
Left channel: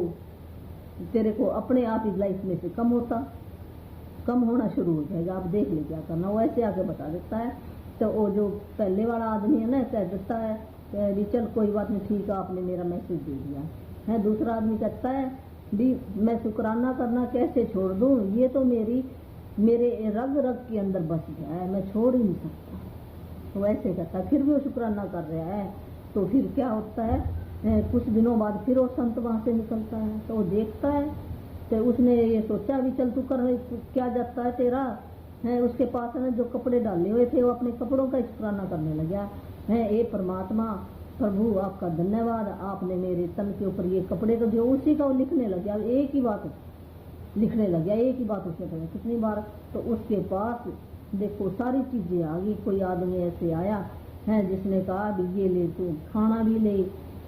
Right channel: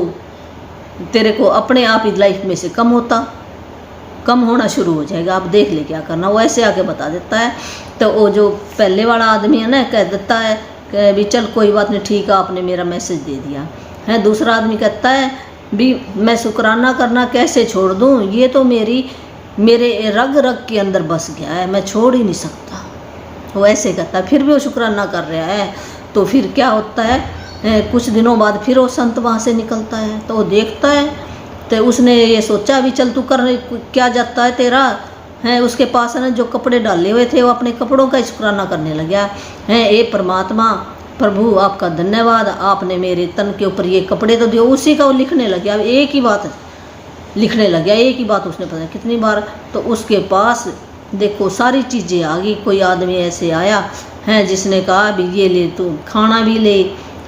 तेरे को अपने आप ही लाइफ में से कम होना शुरू हो जाएगा। आप देख ले क्या करना। वो ऐसे आके बता देता है। तो वो जो पहले वाला आदमी है ना कह देता है कि भी चल कोई बात नहीं, ठीक है, आपने मेरा मैसेज दे दिया है। दूसरा आदमी कहता है भी मैं शुक्राना करना कैसे छोड़ दूँ, ये तो मेरे रग रग के अंदर बस गया है, मैं छोड़ ही नहीं सकता। वो ऐसे कहता है, फिर भी वो शुक्राना कर रहा है। तो फिर क्या होता है, कुछ दिनों बाद फिर वो संत वहाँ से निकलता है, तो वो देखता है, तो उसने ये सोचा भी चल तू कर क्या जाता है तेरा है। उसके पास है ना जो कपड़े डाले हुए थे, वो अपने कपड़ों का शुक्राना करने लग गया है। ए परमात्मा प्रभु आपका धन्यवाद, आपने मेरे तन के ऊपर ये कपड़े तो दिए। उसी का वो लिखने लग गया, एक ही बात लिखने लग गया, एक ही बात उसने पता कितनी बार। तो उसके पास देखो सारी चीज़ें आ गई। कोई आदमी ऐसे आया है जिसने कहा भी ये ले, तू खाना भी ले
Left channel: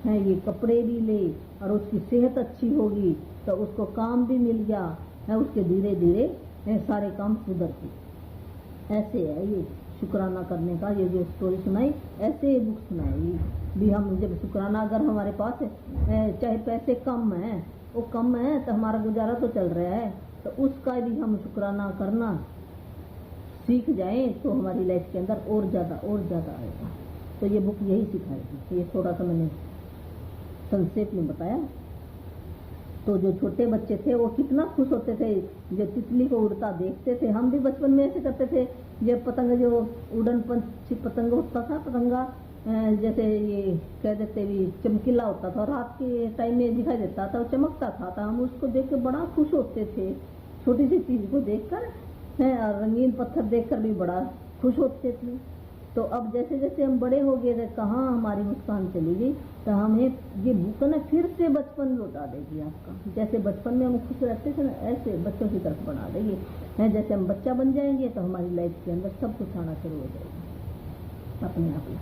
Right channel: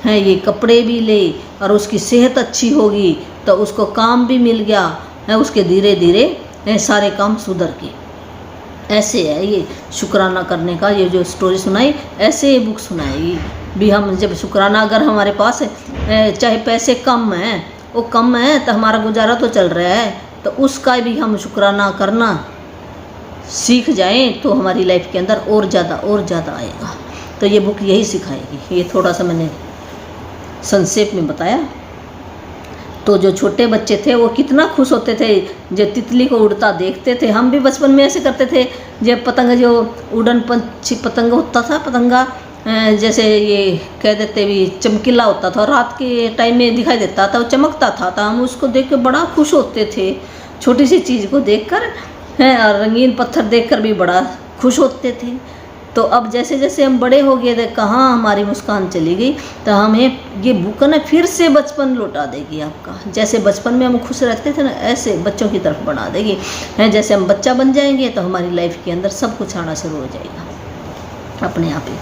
है, ये कपड़े भी ले, और उसकी सेहत अच्छी होगी तो उसको काम भी मिल गया है। उसके धीरे धीरे सारे काम सुधर गए। ऐसे है ये शुक्राना करने का, ये जो स्टोरी सुनाई ऐसे ये बुक सुनाएगी भी। हम जब शुक्राना, अगर हमारे पास चाहे पैसे कम हैं, वो कम है तो हमारा गुजारा तो चल रहा है, तो उसका भी हम शुक्राना करना सीख जाएं तो हमारी लाइफ के अंदर और ज़्यादा आएगा। तो ये बुक यही सिखाएगी। ये थोड़ा सा मैंने संक्षेप में बताया। तो जो छोटे बच्चे थे वो कितना खुश होते थे जब तितली को उड़ता देखते थे। हम भी बचपन में ऐसे करते थे, जब पतंग, जो उड़न पंछी पतंग होता था, पतंगा जैसे ये कह देते भी चमकीला होता था, रात के टाइम में दिखाई देता था, वो चमकता था, तो हम उसको देख के बड़ा खुश होते थे। छोटी सी चीज़ को देखकर हैं, और रंगीन पत्थर देखकर भी बड़ा खुश होते थे। तो अब जैसे जैसे हम बड़े हो गए थे, कहाँ हमारी मुस्कान चली गई। तो हमें ये बुक ना फिर से बचपन लौटा देगी आपका। जैसे बचपन में हम खुश रहते थे ना, ऐसे बच्चों की तरफ बढ़ा देगी हैं। जैसे हम बच्चा बन जाएंगे तो हमारी लाइफ के अंदर सब कुछ आना शुरू हो जाएगा अपने आप ही।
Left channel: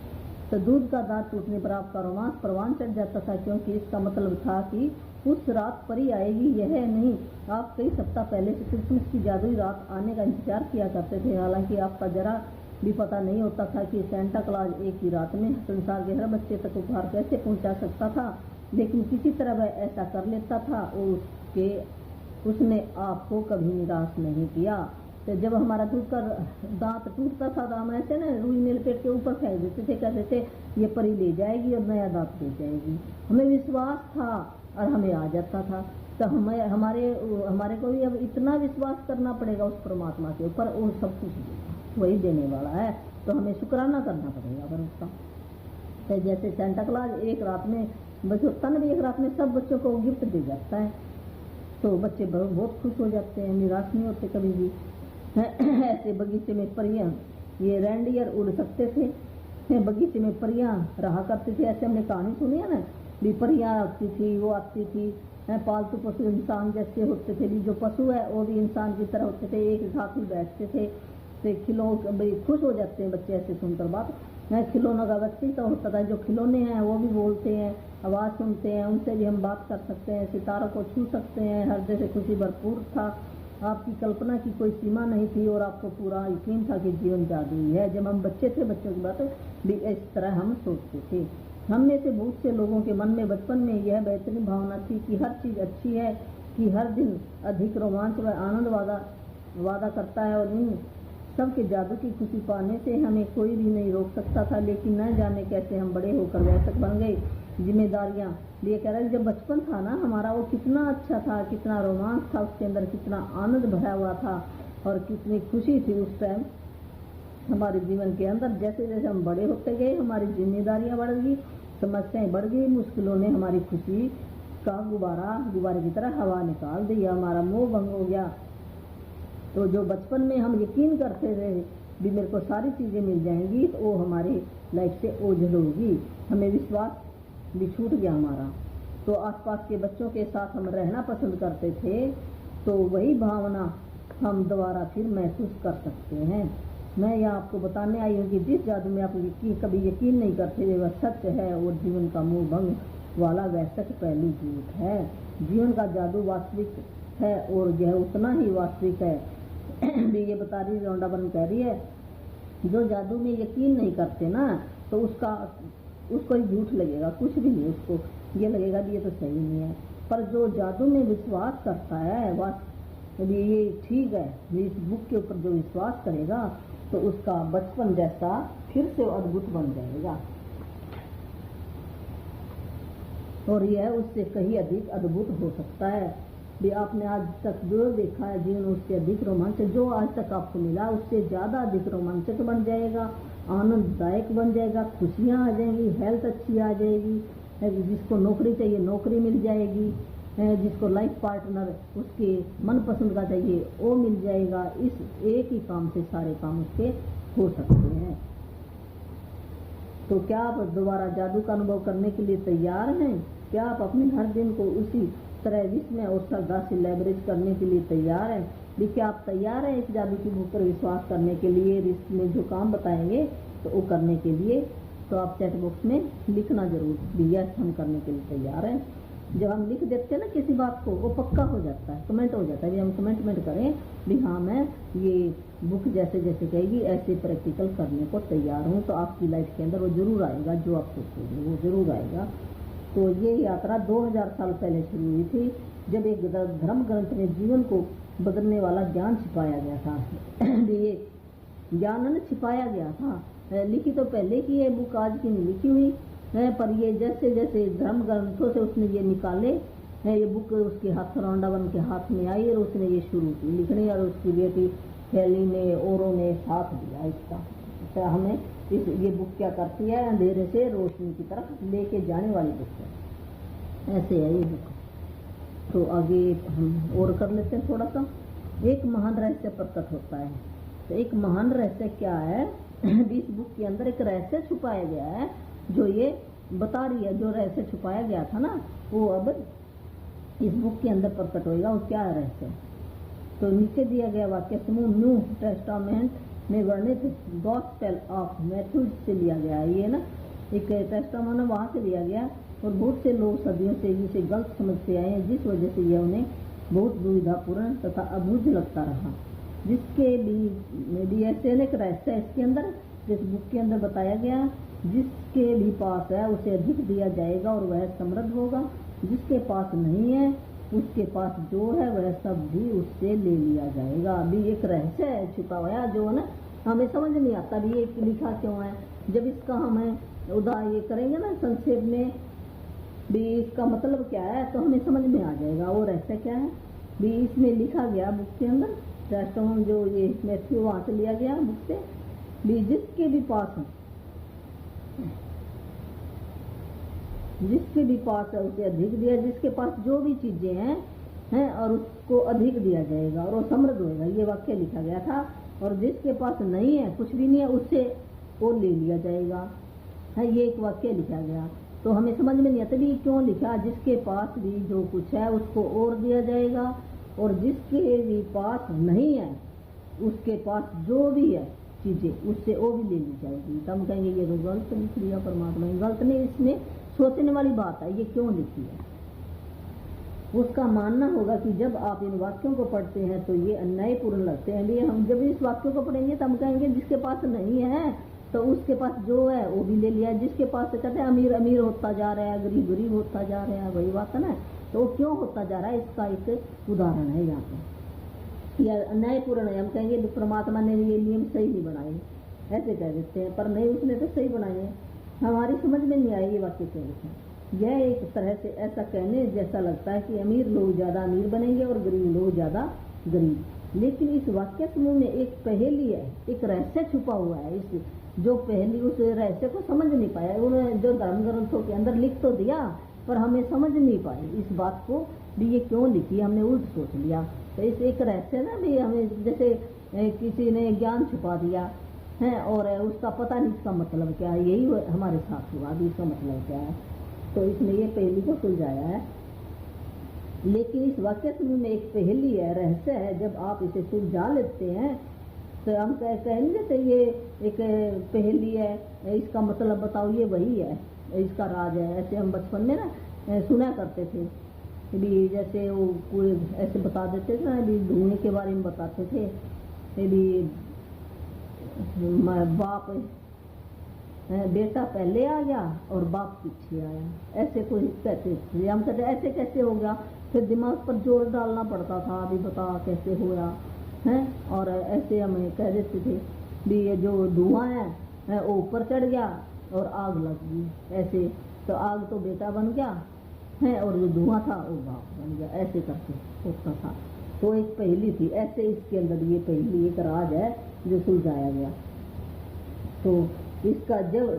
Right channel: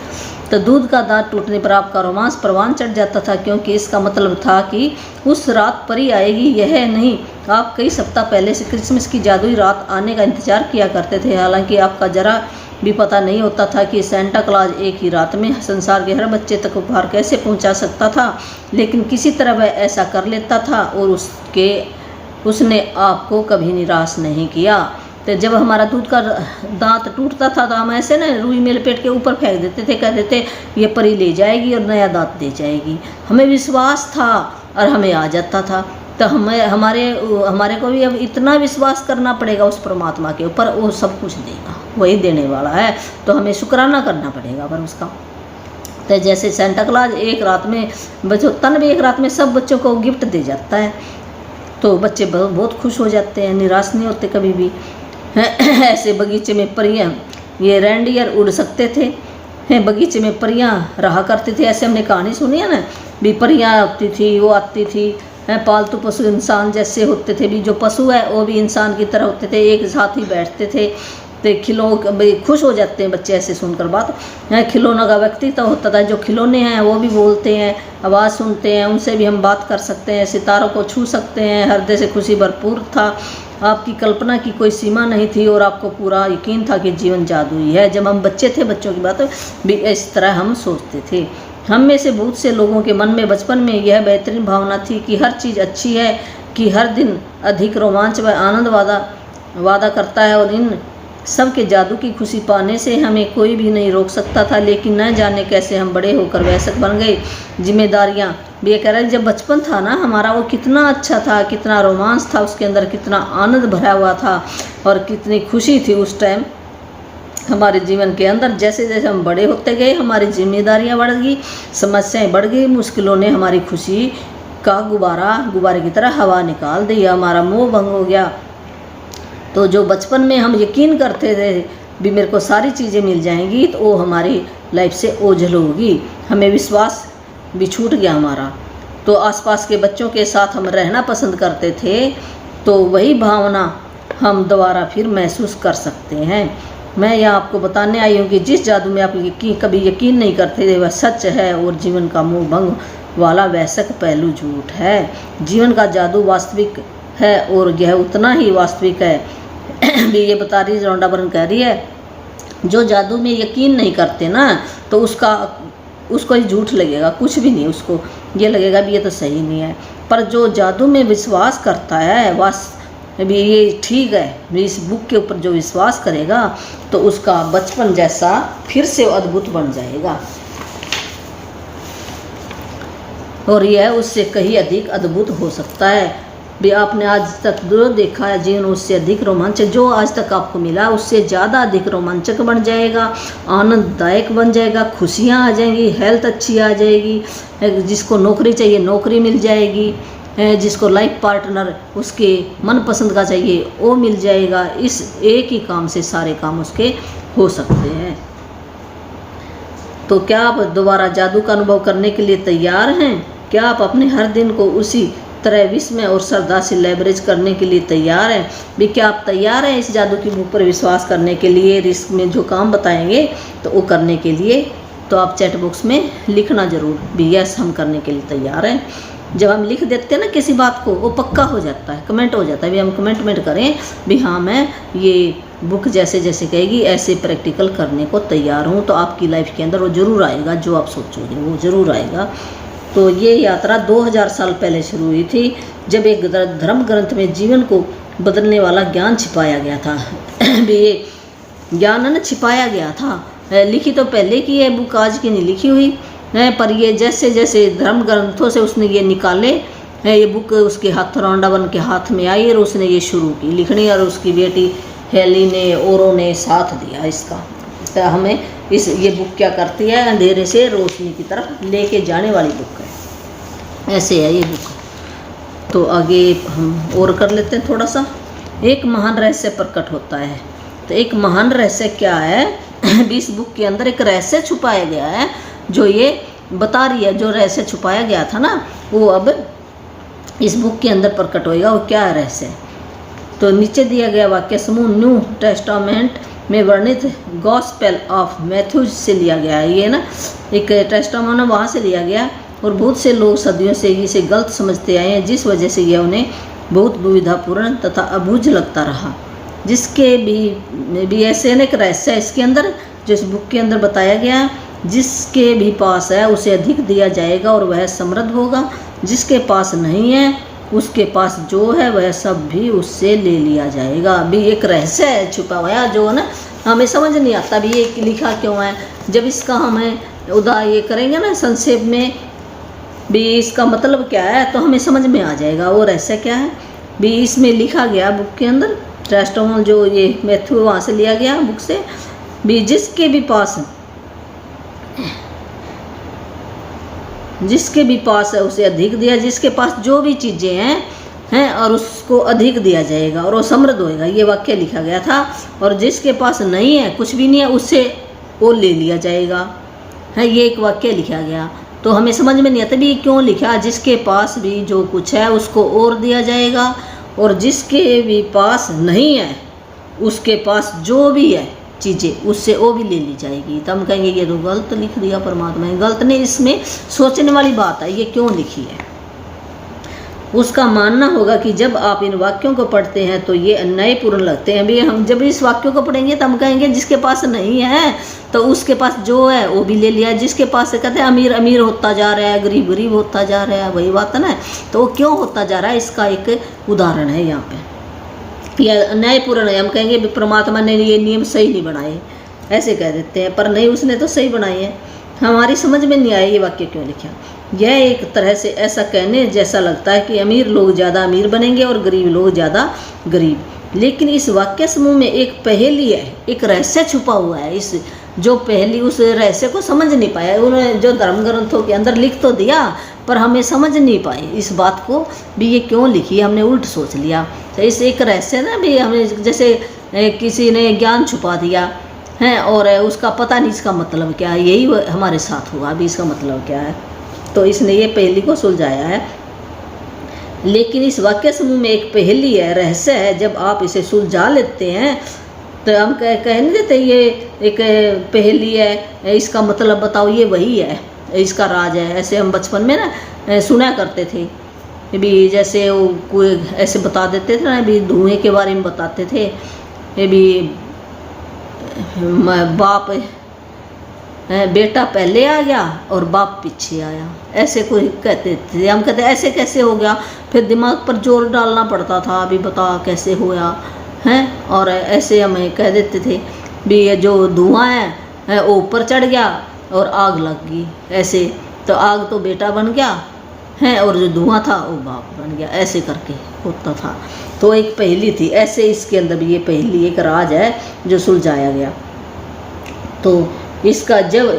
तो दूध का दांत टूटने पर आपका रोमांस परवान चढ़ जाता था, क्योंकि इसका मतलब था कि उस रात परी आएगी। यह नहीं, आप कई सप्ताह पहले से क्रिसमस की जादुई रात आने का इंतजार किया करते थे। हालांकि आपका जरा भी पता नहीं होता था कि सेंटा क्लॉज एक ही रात में संसार के हर बच्चे तक उपहार कैसे पहुंचा सकता था, लेकिन किसी तरह वह ऐसा कर लेता था और उसने आपको कभी निराश नहीं किया। तो जब हमारा दूध का दांत टूटता था तो हम ऐसे ना रुई में लपेट के ऊपर फेंक देते थे, कहते थे ये परी ले जाएगी और नया दांत दे जाएगी। हमें विश्वास था और हमें आ जाता था। तो हमारे को भी अब इतना विश्वास करना पड़ेगा उस परमात्मा के ऊपर, वो सब कुछ देगा, वही देने वाला है। तो हमें शुक्राना करना पड़ेगा पर उसका। तो जैसे सेंटा क्लॉज एक रात में बच्चों तन भी एक रात में सब बच्चों को गिफ्ट दे जाता है, तो बच्चे बहुत खुश हो जाते हैं, निराश नहीं होते कभी भी। ऐसे बगीचे में परियां, ये रेंडियर उड़ सकते थे, बगीचे में परियां रहा करती थी। ऐसे हमने कहानी सुनी है ना भी, परियां आती थी, वो आती थी। पालतू पशु इंसान जैसे होते थे भी, जो पशु है वो भी इंसान की तरह होते थे, एक साथ ही बैठते थे। तो खुश हो जाते हैं बच्चे ऐसे सुनकर बात। खिलौनों का व्यक्तित्व होता था, जो खिलौने हैं वो भी बोलते हैं, आवाज़ सुनते हैं, उनसे भी हम बात कर सकते हैं, सितारों को छू सकते हैं, हृदय से खुशी भरपूर था। आपकी कल्पना की कोई सीमा नहीं थी और आपको पूरा यकीन था कि जीवन जादुई है। जब हम बच्चे थे, बच्चों की बात भी इस तरह हम सोचते थे। हम में से बहुत से लोगों के मन में बचपन में यह बेहतरीन भावना थी कि हर चीज़ अच्छी है, कि हर दिन अधिक रोमांच व आनंद वादा करता है, और इन सब के जादू की खुशी पाने से हमें कोई भी नहीं रोक सकता था। लेकिन न जाने कैसे हम बड़े होकर वयस्क बन गए। जिम्मेदारियाँ भी ये कह रहे हैं, जब बचपन था ना हमारा, वो कितना अच्छा था, कितना रोमांस था उसके अंदर, कितना आनंद भरा हुआ था और कितनी खुशी थी उस टाइम हमारे जीवन के अंदर। जैसे जैसे हम बड़े होते गए, हमारी जिम्मेदारियाँ बढ़ गई, समस्याएं बढ़ गई, मुश्किलों ने हमारी खुशी का गुब्बारे की तरह हवा निकाल दी, हमारा मोह भंग हो गया। तो जो बचपन में हम यकीन करते थे भी मेरे को सारी चीज़ें मिल जाएंगी, तो वो हमारी लाइफ से ओझल होगी, हमें विश्वास भी छूट गया हमारा। तो आसपास के बच्चों के साथ हम रहना पसंद करते थे, तो वही भावना हम दोबारा फिर महसूस कर सकते हैं। मैं यहाँ आपको बताने आई हूँ कि जिस जादू में आप कभी यकीन नहीं करते थे वह सच है, और जीवन का मोह भंग वाला वैसक पहलू झूठ है। जीवन का जादू वास्तविक है और यह उतना ही वास्तविक है भी। ये बता रही रोंडा बरन कह रही है, जो जादू में यकीन नहीं करते ना, तो उसको ही झूठ लगेगा, कुछ भी नहीं, उसको ये लगेगा भी ये तो सही नहीं है। पर जो जादू में विश्वास करता है, भी ये ठीक है, भी इस बुक के ऊपर जो विश्वास करेगा तो उसका बचपन जैसा फिर से अद्भुत बन जाएगा। और यह उससे कहीं अधिक अद्भुत हो सकता है। भी आपने आज तक जो देखा है जीवन उससे अधिक रोमांचक, जो आज तक आपको मिला उससे ज़्यादा अधिक रोमांचक बन जाएगा, आनंददायक बन जाएगा, खुशियाँ आ जाएंगी, हेल्थ अच्छी आ जाएगी, जिसको नौकरी चाहिए नौकरी मिल जाएगी, जिसको लाइफ पार्टनर उसके मनपसंद का चाहिए वो मिल जाएगा। इस एक ही काम से सारे काम उसके हो सकते हैं। तो क्या आप दोबारा जादू का अनुभव करने के लिए तैयार हैं? क्या आप अपने हर दिन को उसी तरह विस्मय और श्रद्धा से लेवरेज करने के लिए तैयार हैं? भी क्या आप तैयार हैं इस जादू की बुक पर विश्वास करने के लिए, रिस्क में जो काम बताएंगे तो वो करने के लिए? तो आप चैट बॉक्स में लिखना जरूर भी यस हम करने के लिए तैयार हैं। जब हम लिख देते हैं ना किसी बात को वो पक्का हो जाता है, कमेंट हो जाता है। भी हम कमेंट करें भी हाँ मैं ये बुक जैसे जैसे कहेगी ऐसे प्रैक्टिकल करने को तैयार हूँ, तो आपकी लाइफ के अंदर वो ज़रूर आएगा, जो आप सोचोगे वो ज़रूर आएगा। तो ये यात्रा 2000 साल पहले शुरू हुई थी, जब एक धर्म ग्रंथ में जीवन को बदलने वाला ज्ञान छिपाया गया था। ये ज्ञान न छिपाया गया था, लिखी तो पहले की है बुक, आज की नहीं लिखी हुई है, पर ये जैसे जैसे धर्म ग्रंथों से उसने ये निकाले ये बुक उसके हथौड़ा बन के हाथ में आई और उसने ये शुरू की लिखनी, और उसकी बेटी हेली ने औरों ने साथ दिया इसका। तो हमें ये बुक क्या करती है, अंधेरे से रोशनी की तरफ लेके जाने वाली बुक है, ऐसे है ये बुक। तो आगे हम और कर लेते हैं थोड़ा सा। एक महान रहस्य प्रकट होता है। तो एक महान रहस्य क्या है, इस बुक के अंदर एक रहस्य छुपाया गया है, जो ये बता रही है। जो रहस्य छुपाया गया था ना वो अब इस बुक के अंदर प्रकट होएगा, वो क्या है रहस्य। तो नीचे दिया गया वाक्य समूह न्यू टेस्टामेंट में वर्णित गॉस्पेल ऑफ मैथ्यूज से लिया गया है। ये ना एक टेस्टामेंट वहाँ से लिया गया, और बहुत से लोग सदियों से इसे गलत समझते आए हैं, जिस वजह से यह उन्हें बहुत दुविधापूर्ण तथा अबूझ लगता रहा। जिसके भी ऐसे एक रहस्य है इसके अंदर, जो इस बुक के अंदर बताया गया, जिसके भी पास है उसे अधिक दिया जाएगा और वह समृद्ध होगा, जिसके पास नहीं है उसके पास जो है वह सब भी उससे ले लिया जाएगा। अभी एक रहस्य है छुपा हुआ, जो है ना हमें समझ नहीं आता भी ये लिखा क्यों है। जब इसका हमें ये करेंगे ना संक्षेप में भी इसका मतलब क्या है, तो हमें समझ में आ जाएगा वो रहस्य क्या है। भी इसमें लिखा गया बुक के अंदर टेस्टामेंट, जो ये मैथ्यू वहाँ से लिया गया बुक से, भी जिसके भी पास है उसे अधिक दिया, जिसके पास जो भी चीज़ें हैं और उसको अधिक दिया जाएगा और वो समृद्ध होएगा, ये वाक्य लिखा गया था। और जिसके पास नहीं है, कुछ भी नहीं है, उससे वो ले लिया जाएगा है, ये एक वाक्य लिखा गया। तो हमें समझ में नहीं आता भी क्यों लिखा, जिसके पास भी जो कुछ है उसको और दिया जाएगा, और जिसके भी पास नहीं है उसके पास जो भी है चीज़ें उससे वो भी ले ली जाएगी। तो हम कहेंगे ये तो गलत लिख दिया परमात्मा ने। गलत नहीं, इसमें सोचने वाली बात है, ये क्यों लिखी है। उसका मानना होगा कि जब आप इन वाक्यों को पढ़ते हैं तो ये अन्यायपूर्ण लगते हैं। भी हम जब इस वाक्यों को पढ़ेंगे तो हम कहेंगे जिसके पास नहीं है तो उसके पास जो है वो भी ले लिया, जिसके पास से कहते हैं अमीर अमीर होता जा रहा है, गरीब गरीब होता जा रहा है, वही बात है ना। तो वो क्यों होता जा रहा है, इसका एक उदाहरण है यहाँ पे। यह अन्यायपूर्ण है, हम कहेंगे परमात्मा ने ये नियम सही नहीं बनाए, ऐसे कह देते हैं, पर नहीं उसने तो सही बनाए हैं। हमारी समझ में नहीं आया ये वाक्य क्यों लिखा। यह एक तरह से ऐसा कहने जैसा लगता है कि अमीर लोग ज़्यादा अमीर बनेंगे और गरीब लोग ज़्यादा गरीब, लेकिन इस वाक्य समूह में एक पहेली है, एक रहस्य छुपा हुआ है। इस जो पहेली, उस रहस्य को समझ नहीं पाया उन्होंने, जो धर्म ग्रंथों के अंदर लिख तो दिया पर हमें समझ नहीं पाए इस बात को भी ये क्यों लिखी, हमने उल्ट सोच लिया। तो इस एक रहस्य ना भी हमें जैसे किसी ने ज्ञान छुपा दिया है और उसका पता नहीं इसका मतलब क्या है, यही हमारे साथ हुआ। अभी इसका मतलब क्या है, तो इसने ये पहेली को सुलझाया है। लेकिन इस वाक्य समूह में एक पहेली है, रहस्य है। जब आप इसे सुलझा लेते हैं तो हम कह नहीं देते ये एक पहेली है, इसका मतलब बताओ, ये वही है, इसका राज है। ऐसे हम बचपन में ना सुना करते थे भी, जैसे वो कोई ऐसे बता देते थे ना भी, धुएं के बारे में बताते थे भी, बाप बेटा पहले आ गया और बाप पीछे आया, ऐसे कोई कहते थे। हम कहते ऐसे कैसे हो गया, फिर दिमाग पर जोर डालना पड़ता था, अभी बता कैसे होया है। और ऐसे हमें कह देते थे भी ये जो धुआं है वो ऊपर चढ़ गया और आग लग गई, ऐसे तो आग तो बेटा बन गया हैं, और जो धुआं था वो भाप बन गया, ऐसे करके होता था। तो एक पहेली थी, ऐसे इसके अंदर भी ये पहेली एक राज है जो सुलझाया गया। तो इसका जब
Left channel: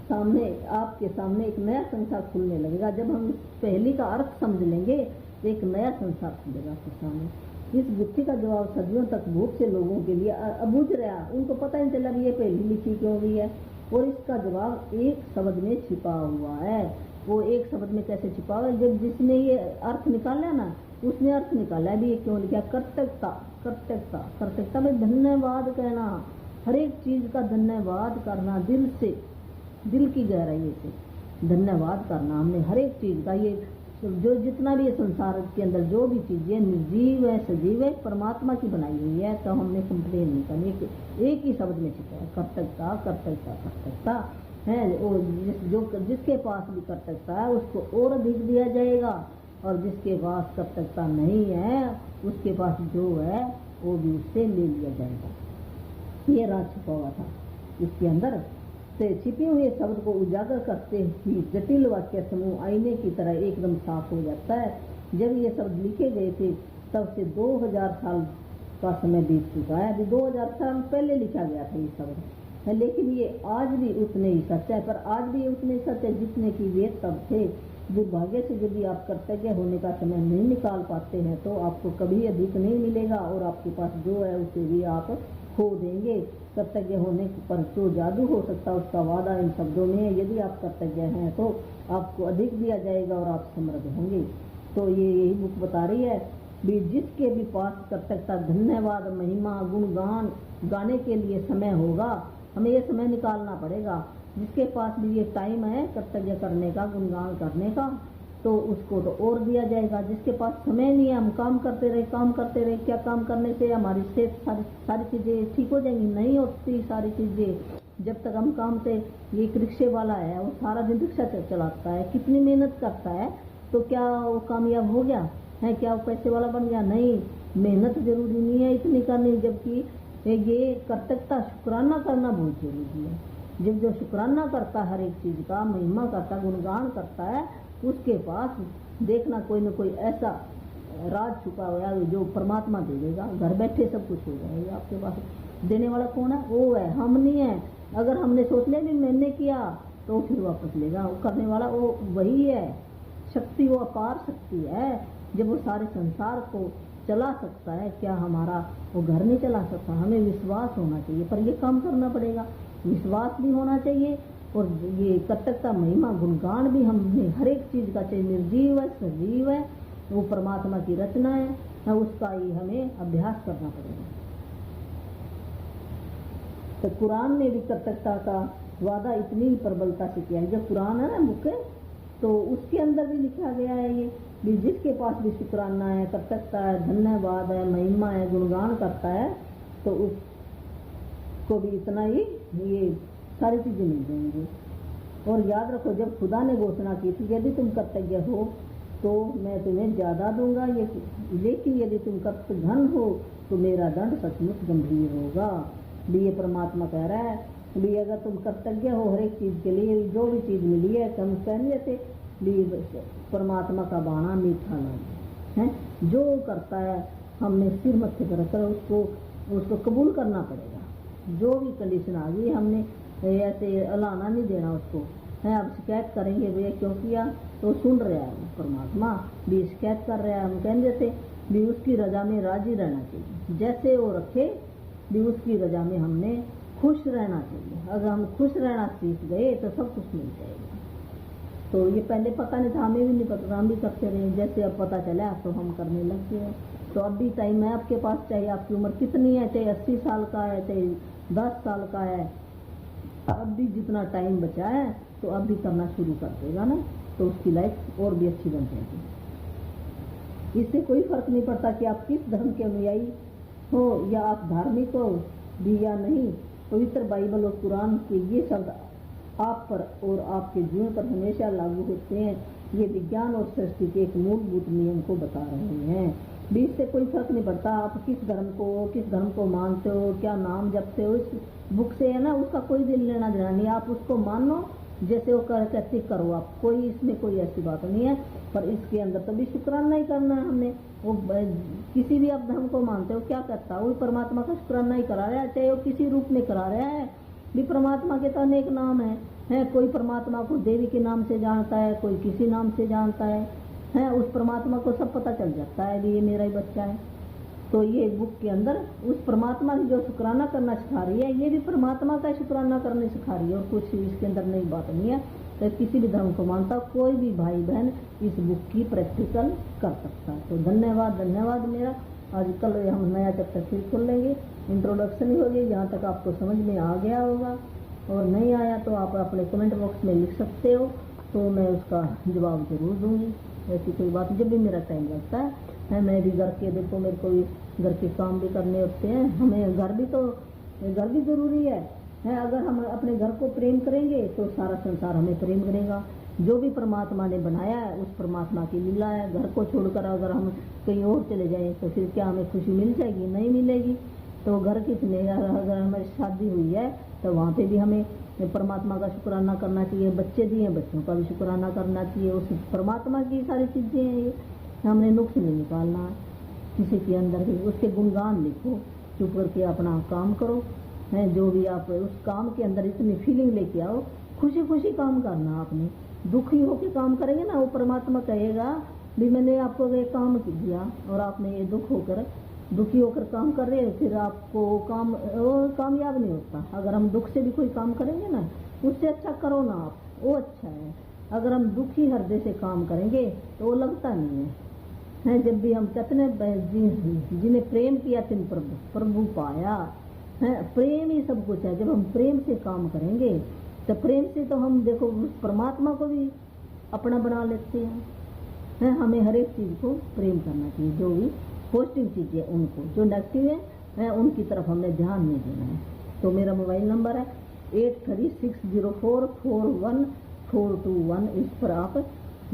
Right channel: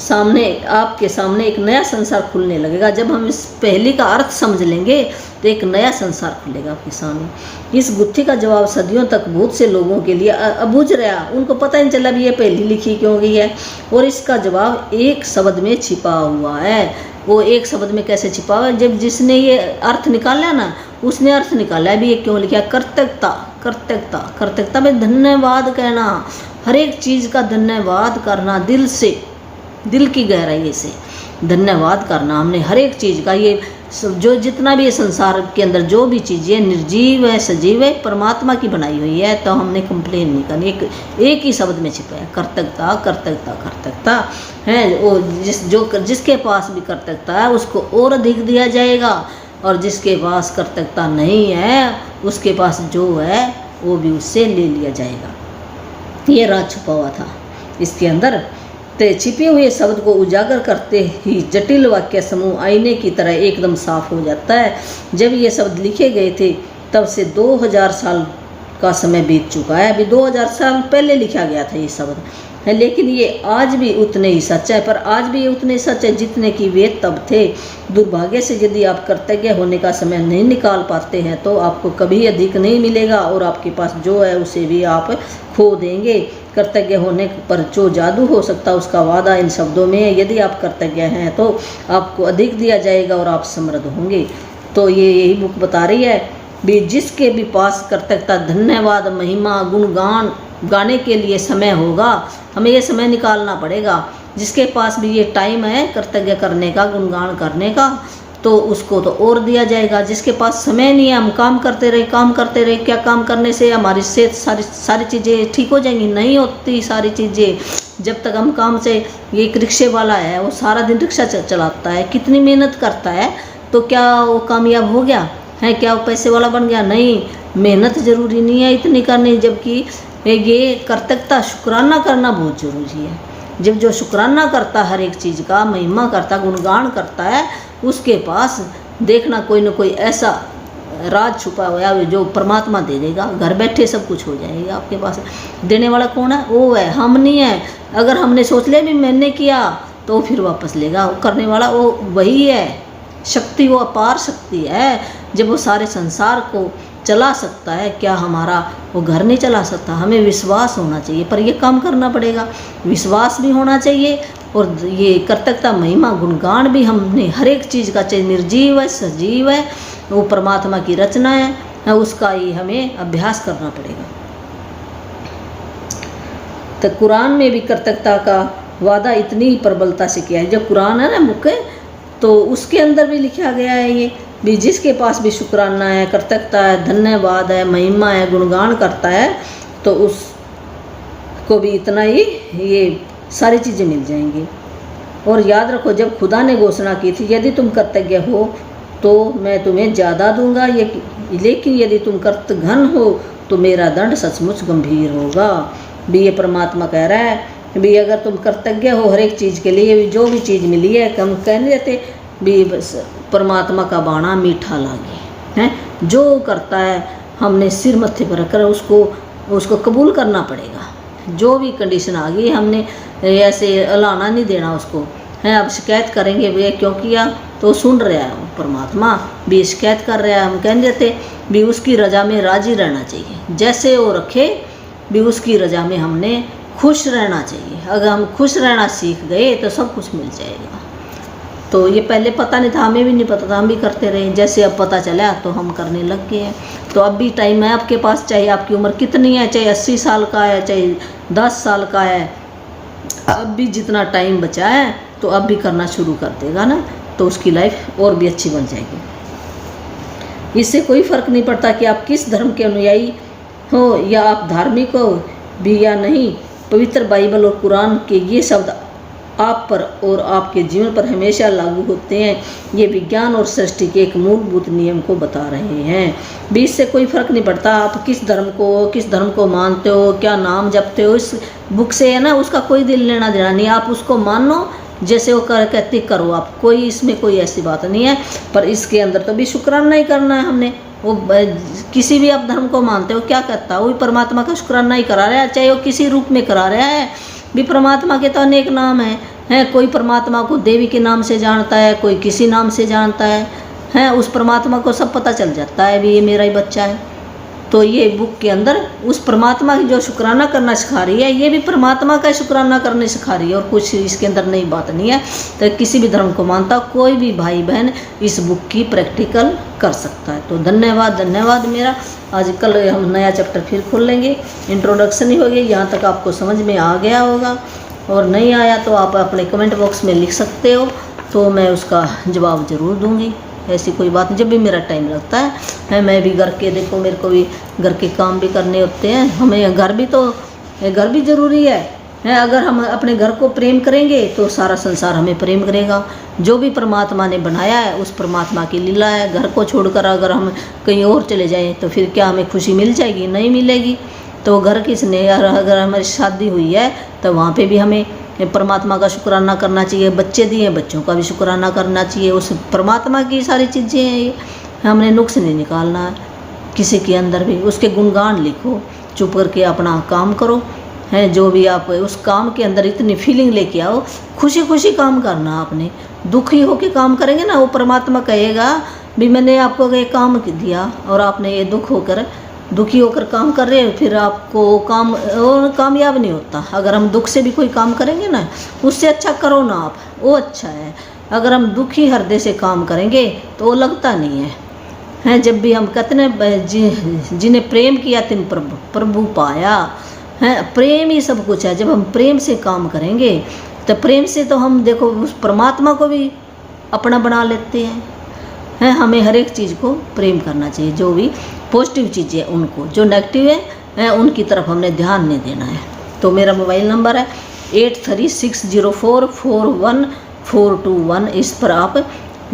सामने आपके सामने एक नया संसार खुलने लगेगा, जब हम इस पहेली का अर्थ समझ लेंगे तो एक नया संसार खुलेगा आपके सामने। इस गुत्थी का जवाब सदियों तक बहुत से लोगों के लिए अबूझ रहा, उनको पता ही नहीं चला भी ये पहेली लिखी क्यों गई है, और इसका जवाब एक शब्द में छिपा हुआ है। वो एक शब्द में कैसे छिपा हुआ है? जब जिसने ये अर्थ निकाला ना, उसने अर्थ निकाला है भी ये क्यों लिखा, कृतज्ञता। कृतज्ञता, कृतज्ञता में धन्यवाद कहना, हर एक चीज़ का धन्यवाद करना, दिल से, दिल की गहराई से धन्यवाद करना हमने हर एक चीज़ का। ये जो जितना भी ये संसार के अंदर जो भी चीज़ें निर्जीव है सजीव है परमात्मा की बनाई हुई है, तो हमने कंप्लेन नहीं करनी। एक ही शब्द में छिपा है, कृतज्ञता कृतज्ञता कृतज्ञता है। वो जिसके पास भी कृतज्ञता है उसको और अधिक दिया जाएगा, और जिसके पास कृतज्ञता नहीं है उसके पास जो है वो भी उससे ले लिया जाएगा। ये राज छुपा हुआ था इसके अंदर। ते छिपे हुए शब्द को उजागर करते ही जटिल वाक्य समूह आईने की तरह एकदम साफ हो जाता है। जब ये शब्द लिखे गए थे तब से 2000 साल का समय बीत चुका है। अभी 2000 साल पहले लिखा गया था ये शब्द है, लेकिन ये आज भी उतने ही सच है। पर आज भी ये उतने सच है जितने कि वे तब थे। दुर्भाग्य से यदि आप कृतज्ञ होने का समय नहीं निकाल पाते हैं तो आपको कभी अधिक नहीं मिलेगा, और आपके पास जो है उसे भी आप खो देंगे। कृतज्ञ होने पर जो जादू हो सकता है उसका वादा इन शब्दों में है, यदि आप कृतज्ञ हैं तो आपको अधिक दिया जाएगा और आप समृद्ध होंगे। तो ये यही बुक बता रही है भी जिसके भी पास कृतज्ञता, धन्यवाद, महिमा, गुणगान गाने के लिए समय होगा, हमें ये समय निकालना पड़ेगा। जिसके पास भी ये टाइम है कृतज्ञ करने का, गुणगान करने का, तो उसको तो और दिया जाएगा। जिसके पास समय नहीं है, हम काम करते रहे काम करते रहे, क्या काम करने से हमारी सेहत सारी चीज़ें ठीक हो जाएंगी? नहीं होती सारी चीज़ें। जब तक हम काम से, ये एक रिक्शे वाला है वो सारा दिन रिक्शा चलाता है, कितनी मेहनत करता है, तो क्या वो कामयाब हो गया है? क्या वो पैसे वाला बन गया? नहीं, मेहनत ज़रूरी नहीं है इतनी करनी। जबकि ये कृतज्ञता, शुक्राना करना बहुत ज़रूरी है। जब जो शुक्राना करता हर एक चीज़ का, महिमा करता, गुणगान करता है, उसके पास देखना कोई ना कोई ऐसा राज छुपा हुआ है जो परमात्मा दे देगा। घर बैठे सब कुछ हो जाएगा आपके पास। देने वाला कौन है? वो है, हम नहीं है। अगर हमने सोच लिया भी मैंने किया तो फिर वापस लेगा। वो करने वाला वो वही है। शक्ति वो अपार शक्ति है, जब वो सारे संसार को चला सकता है, क्या हमारा वो घर नहीं चला सकता? हमें विश्वास होना चाहिए, पर ये काम करना पड़ेगा। विश्वास भी होना चाहिए, और ये कृतज्ञता, महिमा, गुणगान भी हमने हर एक चीज़ का, चाहे निर्जीव है सजीव है, वो परमात्मा की रचना है, उसका ही हमें अभ्यास करना पड़ेगा। तो कुरान में भी कृतज्ञता का वादा इतनी ही प्रबलता से किया है। जो कुरान है ना बुक, तो उसके अंदर भी लिखा गया है ये भी जिसके पास भी शुक्राना है, कृतज्ञता है, धन्यवाद है, महिमा है, गुणगान करता है, तो उसको भी इतना ही ये सारी चीज़ें मिल जाएंगी। और याद रखो, जब खुदा ने घोषणा की थी यदि तुम कृतज्ञ हो तो मैं तुम्हें ज़्यादा दूंगा, लेकिन यदि तुम कृतघ्न हो तो मेरा दंड सचमुच गंभीर होगा। भी ये परमात्मा कह रहा है भी अगर तुम कृतज्ञ हो हर एक चीज़ के लिए, जो भी चीज़ मिली है, हम कहने देते भी बस परमात्मा का बाणा मीठा लागे हैं। जो करता है हमने सिर मत्थे पर रखकर उसको कबूल करना पड़ेगा। जो भी कंडीशन आ गई, हमने ऐसे अलाना नहीं देना उसको है। अब शिकायत करेंगे भैया क्यों किया, तो सुन रहा है परमात्मा भी शिकायत कर रहा है। हम कह देते भी उसकी रजा में राजी रहना चाहिए, जैसे वो रखे भी उसकी रजा में हमने खुश रहना चाहिए। अगर हम खुश रहना सीख गए तो सब कुछ मिल जाएगा। तो ये पहले पता नहीं था, हमें भी नहीं पता था, हम भी करते रहे। जैसे अब पता चला तो हम करने लग गए हैं। तो अब भी टाइम है आपके पास, चाहे आपकी उम्र कितनी है, चाहे 80 साल का है, चाहे 10 साल का है, अब भी जितना टाइम बचा है तो अब भी करना शुरू कर देगा ना, तो उसकी लाइफ और भी अच्छी बन जाएगी। इससे कोई फ़र्क नहीं पड़ता कि आप किस धर्म के अनुयायी हो या आप धार्मिक हो भी या नहीं। पवित्र बाइबल और कुरान के ये शब्द आप पर और आपके जीवन पर हमेशा लागू होते हैं। ये विज्ञान और सृष्टि के एक मूलभूत नियम को बता रहे हैं। भी इससे कोई फ़र्क नहीं पड़ता आप किस धर्म को मानते हो, क्या नाम जपते हो। इस बुक से है ना, उसका कोई दिल लेना देना नहीं। आप उसको मानो जैसे वो कहती करो आप, कोई इसमें कोई ऐसी बात नहीं है। पर इसके अंदर तो भी शुक्राना ही करना है हमने। वो किसी भी आप धर्म को मानते हो, क्या कहता है वही परमात्मा का शुक्राना ही करा रहा है, चाहे वो किसी रूप में करा रहा है भी। परमात्मा के तो अनेक नाम हैं, कोई परमात्मा को देवी के नाम से जानता है, कोई किसी नाम से जानता है, उस परमात्मा को सब पता चल जाता है भी ये मेरा ही बच्चा है। तो ये बुक के अंदर उस परमात्मा की जो शुक्राना करना सिखा रही है, ये भी परमात्मा का शुक्राना करने सिखा रही है, और कुछ इसके अंदर नई बात नहीं है। तो किसी भी धर्म को मानता कोई भी भाई बहन इस बुक की प्रैक्टिकल कर सकता है। तो धन्यवाद मेरा। आज कल हम नया चैप्टर फिर खोल लेंगे, इंट्रोडक्शन ही हो गई, यहाँ तक आपको समझ में आ गया होगा। और नहीं आया तो आप अपने कमेंट बॉक्स में लिख सकते हो, तो मैं उसका जवाब ज़रूर दूँगी। ऐसी कोई बात नहीं, जब भी मेरा टाइम लगता है मैं भी घर के, देखो मेरे को भी घर के काम भी करने होते हैं, हमें घर भी ज़रूरी है। अगर हम अपने घर को प्रेम करेंगे तो सारा संसार हमें प्रेम करेगा। जो भी परमात्मा ने बनाया है उस परमात्मा की लीला है। घर को छोड़कर अगर हम कहीं और चले जाएं तो फिर क्या हमें खुशी मिल जाएगी? नहीं मिलेगी। तो घर किसने, अगर हमारी शादी हुई है तो वहाँ पे भी हमें परमात्मा का शुक्राना करना चाहिए। बच्चे दिए, बच्चों का भी शुक्राना करना चाहिए। उस परमात्मा की सारी चीज़ें हैं ये, हमने नुक्स नहीं निकालना है किसी के अंदर भी। उसके गुणगान लिखो, चुप करके अपना काम करो, जो भी आप उस काम के अंदर इतनी फीलिंग लेके आओ, खुशी खुशी काम करना। आपने दुखी होके काम करेंगे ना, वो परमात्मा कहेगा भी मैंने आपको ये काम दिया और आपने ये दुखी होकर काम कर रहे हो, फिर आपको काम कामयाब नहीं होता। अगर हम दुख से भी कोई काम करेंगे ना, उससे अच्छा करो ना आप, वो अच्छा है। अगर हम दुखी हृदय से काम करेंगे तो वो लगता नहीं है। जब भी हम कहते हैं जिन्हें प्रेम किया तिन प्रभु पाया, प्रेम ही सब कुछ है। जब हम प्रेम से काम करेंगे तो प्रेम से तो हम देखो उस परमात्मा को भी अपना बना लेते हैं। हमें हर एक चीज़ को प्रेम करना चाहिए, जो भी पॉजिटिव चीज़ें हैं उनको, जो नेगेटिव है उनकी तरफ हमने ध्यान नहीं देना है। तो मेरा मोबाइल नंबर है 8360441421, इस पर आप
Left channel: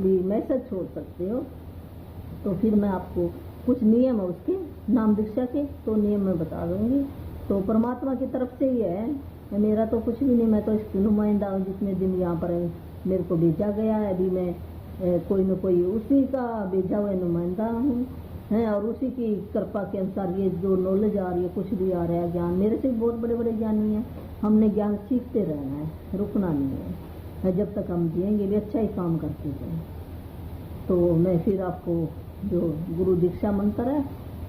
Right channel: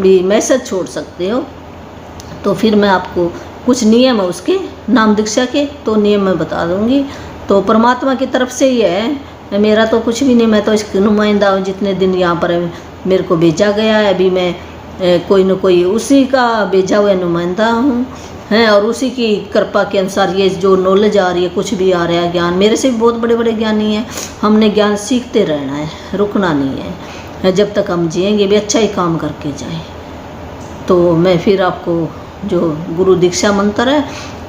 भी मैसेज छोड़ सकते हो। तो फिर मैं आपको कुछ नियम है उसके, नाम दीक्षा के, तो नियम मैं बता दूंगी। तो परमात्मा की तरफ से ये है, मेरा तो कुछ भी नहीं, मैं तो इसकी नुमाइंदा हूँ। जितने दिन यहाँ पर मेरे को भेजा गया है, अभी मैं कोई न कोई उसी का भेजा हुआ नुमाइंदा हूँ, और उसी की कृपा के अनुसार ये जो नॉलेज आ रही है, कुछ भी आ रहा है ज्ञान, मेरे से भी बहुत बड़े बड़े ज्ञानी हैं। हमने ज्ञान सीखते रहना है, रुकना नहीं है। जब तक हम जिएंगे भी अच्छा ही काम करके जाएं। तो मैं फिर आपको जो गुरु दीक्षा मंत्र है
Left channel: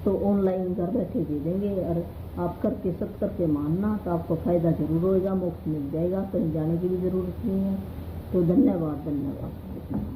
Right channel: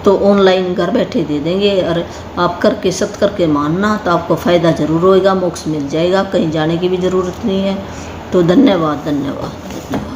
तो ऑनलाइन घर बैठे दे देंगे, और आप करके सत करके मानना, तो आपको फ़ायदा ज़रूर होएगा, मोक्ष मिल जाएगा, कहीं जाने की भी ज़रूरत नहीं है। तो धन्यवाद।